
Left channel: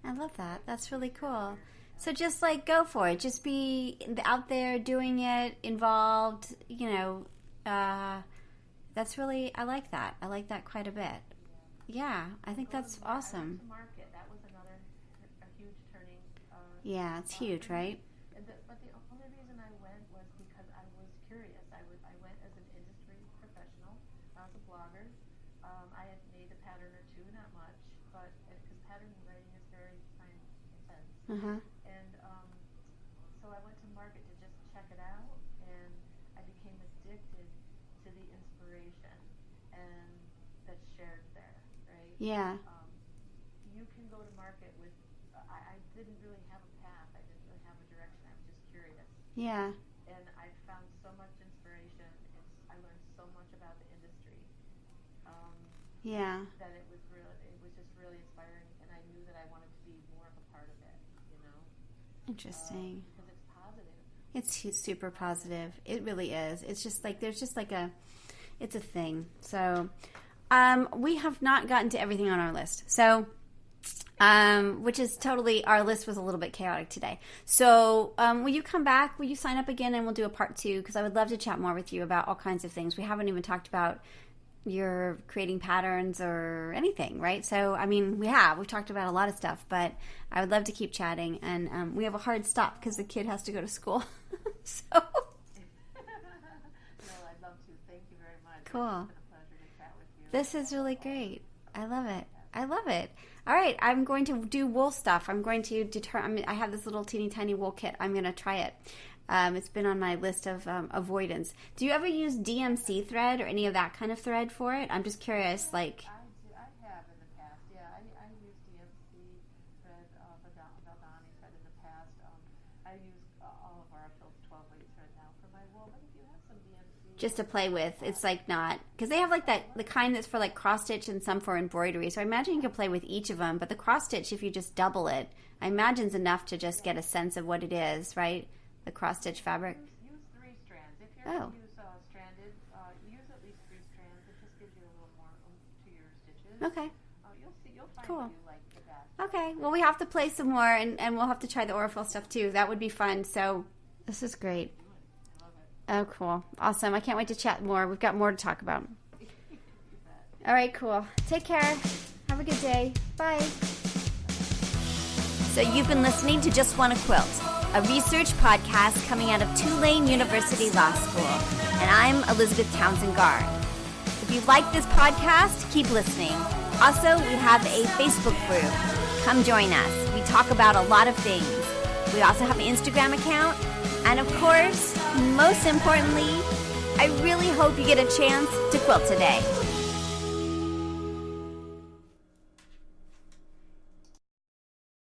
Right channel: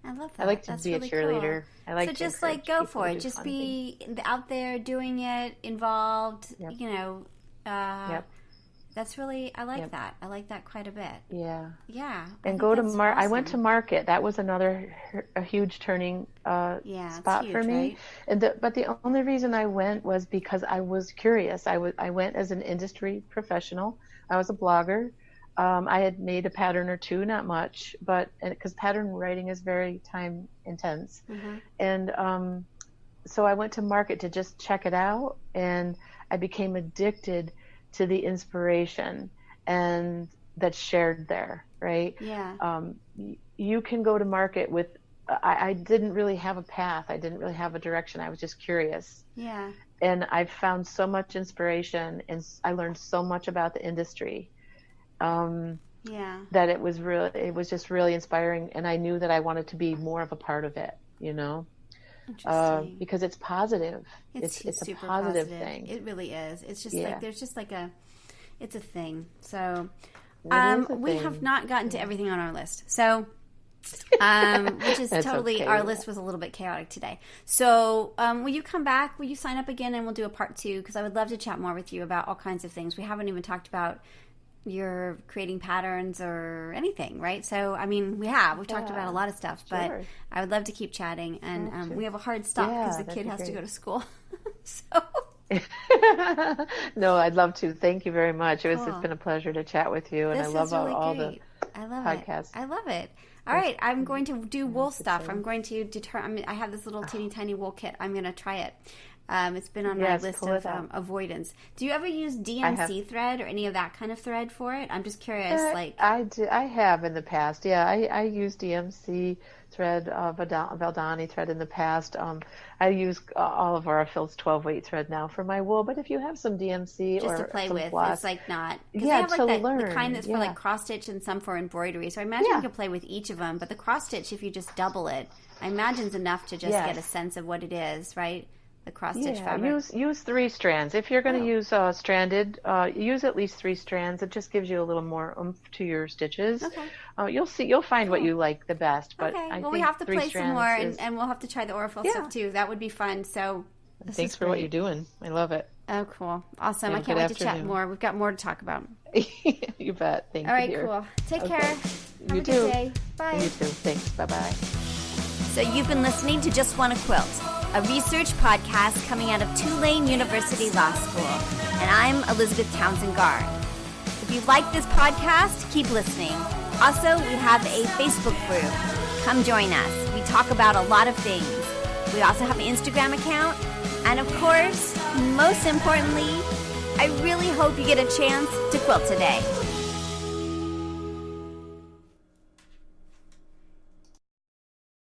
I love that. I like to be really a cheerleader. Cool. I like so to just go for it. Just be out there doing it, involved. You know. That's really, I like that. I like that quite a bit. Yeah. And go to awesome. I went to market. That was a huge turning spot for me. Right? But the only reason I went was because I was curious. I went as an industry professional. I was a blogger. I had made a pattern or two, not much, but because pattern writing is very time intense. And so I went to market to just check it out, and I became addicted to the inspiration and that's shared there, right? You can go to market with, I didn't really have a path. I didn't really have a direction. I was just curious. And I found so much inspiration, and I learned so much about the industry. That it was just really inspiring, and I knew that I wanted to be more of a part of it, you know? Interesting. Because it's positive. It's super positive thing. It really is. It's just there's just it's a thing. So we have not gotten to everything on our list. So which is totally, our list was a little bit chaotic today. So will you come back? Will you sign up again, and we'll do a part 2? Because I would love to chat more with you about all kinds of things. We haven't even talked about your creating patterns or anything, right? So, I mean, we've talked about a lot of stuff, but I would love to keep chatting. And we have a hard stop because the kid has to go to school. So. No, I'd love to. Thank you very much. It's been a pleasure to chat with you. And this is really great. I love it. I love it. All right, I'm going to do wool stuff. I'm going to I have this little teeny tiny wool kit. I'm going to try it. It's been on my list of avoidance. Do you ever use DMC thread or any of that kind of thread for it? I'm just curious. I do. I have in the past. Yeah, I use DMC thread, Valdani thread in the past. I use all of Aurifil's 12-weight thread now for my wool. But if you have some DMC just to play with, it's not because they have the kind that's for cross stitch and some for embroidery. So I imagine you can play with each of them. But the cross stitch, if you just double it, I imagine is enough to just get a sense of what it is, right? the cross-stitch fabric. Use 3 strands. If you're going to use stranded, use at least 3 strands. It just gives you a little more oomph to your stitches. Okay. You'll find what you like the best. But okay. Well, we have to play some more, and we'll have to try the Aurifil stuff too. That would be fun. So this Thanks is for great. what you're doing. I love it. Oh, cool. Awesome. I can't wait to chat more. We've got more to talk about. You bet. Thank you. All right, cool. Take care. Have a good day. Bye. Thanks. Bye-bye. So you've been listening to Just Wanna Quilt, a research podcast coming out of Tulane University Law School. And I'm Elizabeth Townsend Gard. If you like this podcast, keep listening. Also, we have a Facebook group. Come join us. We talk about a lot of things. We also have an Instagram account. And of course, most importantly, I really hope you get a chance to quilt today.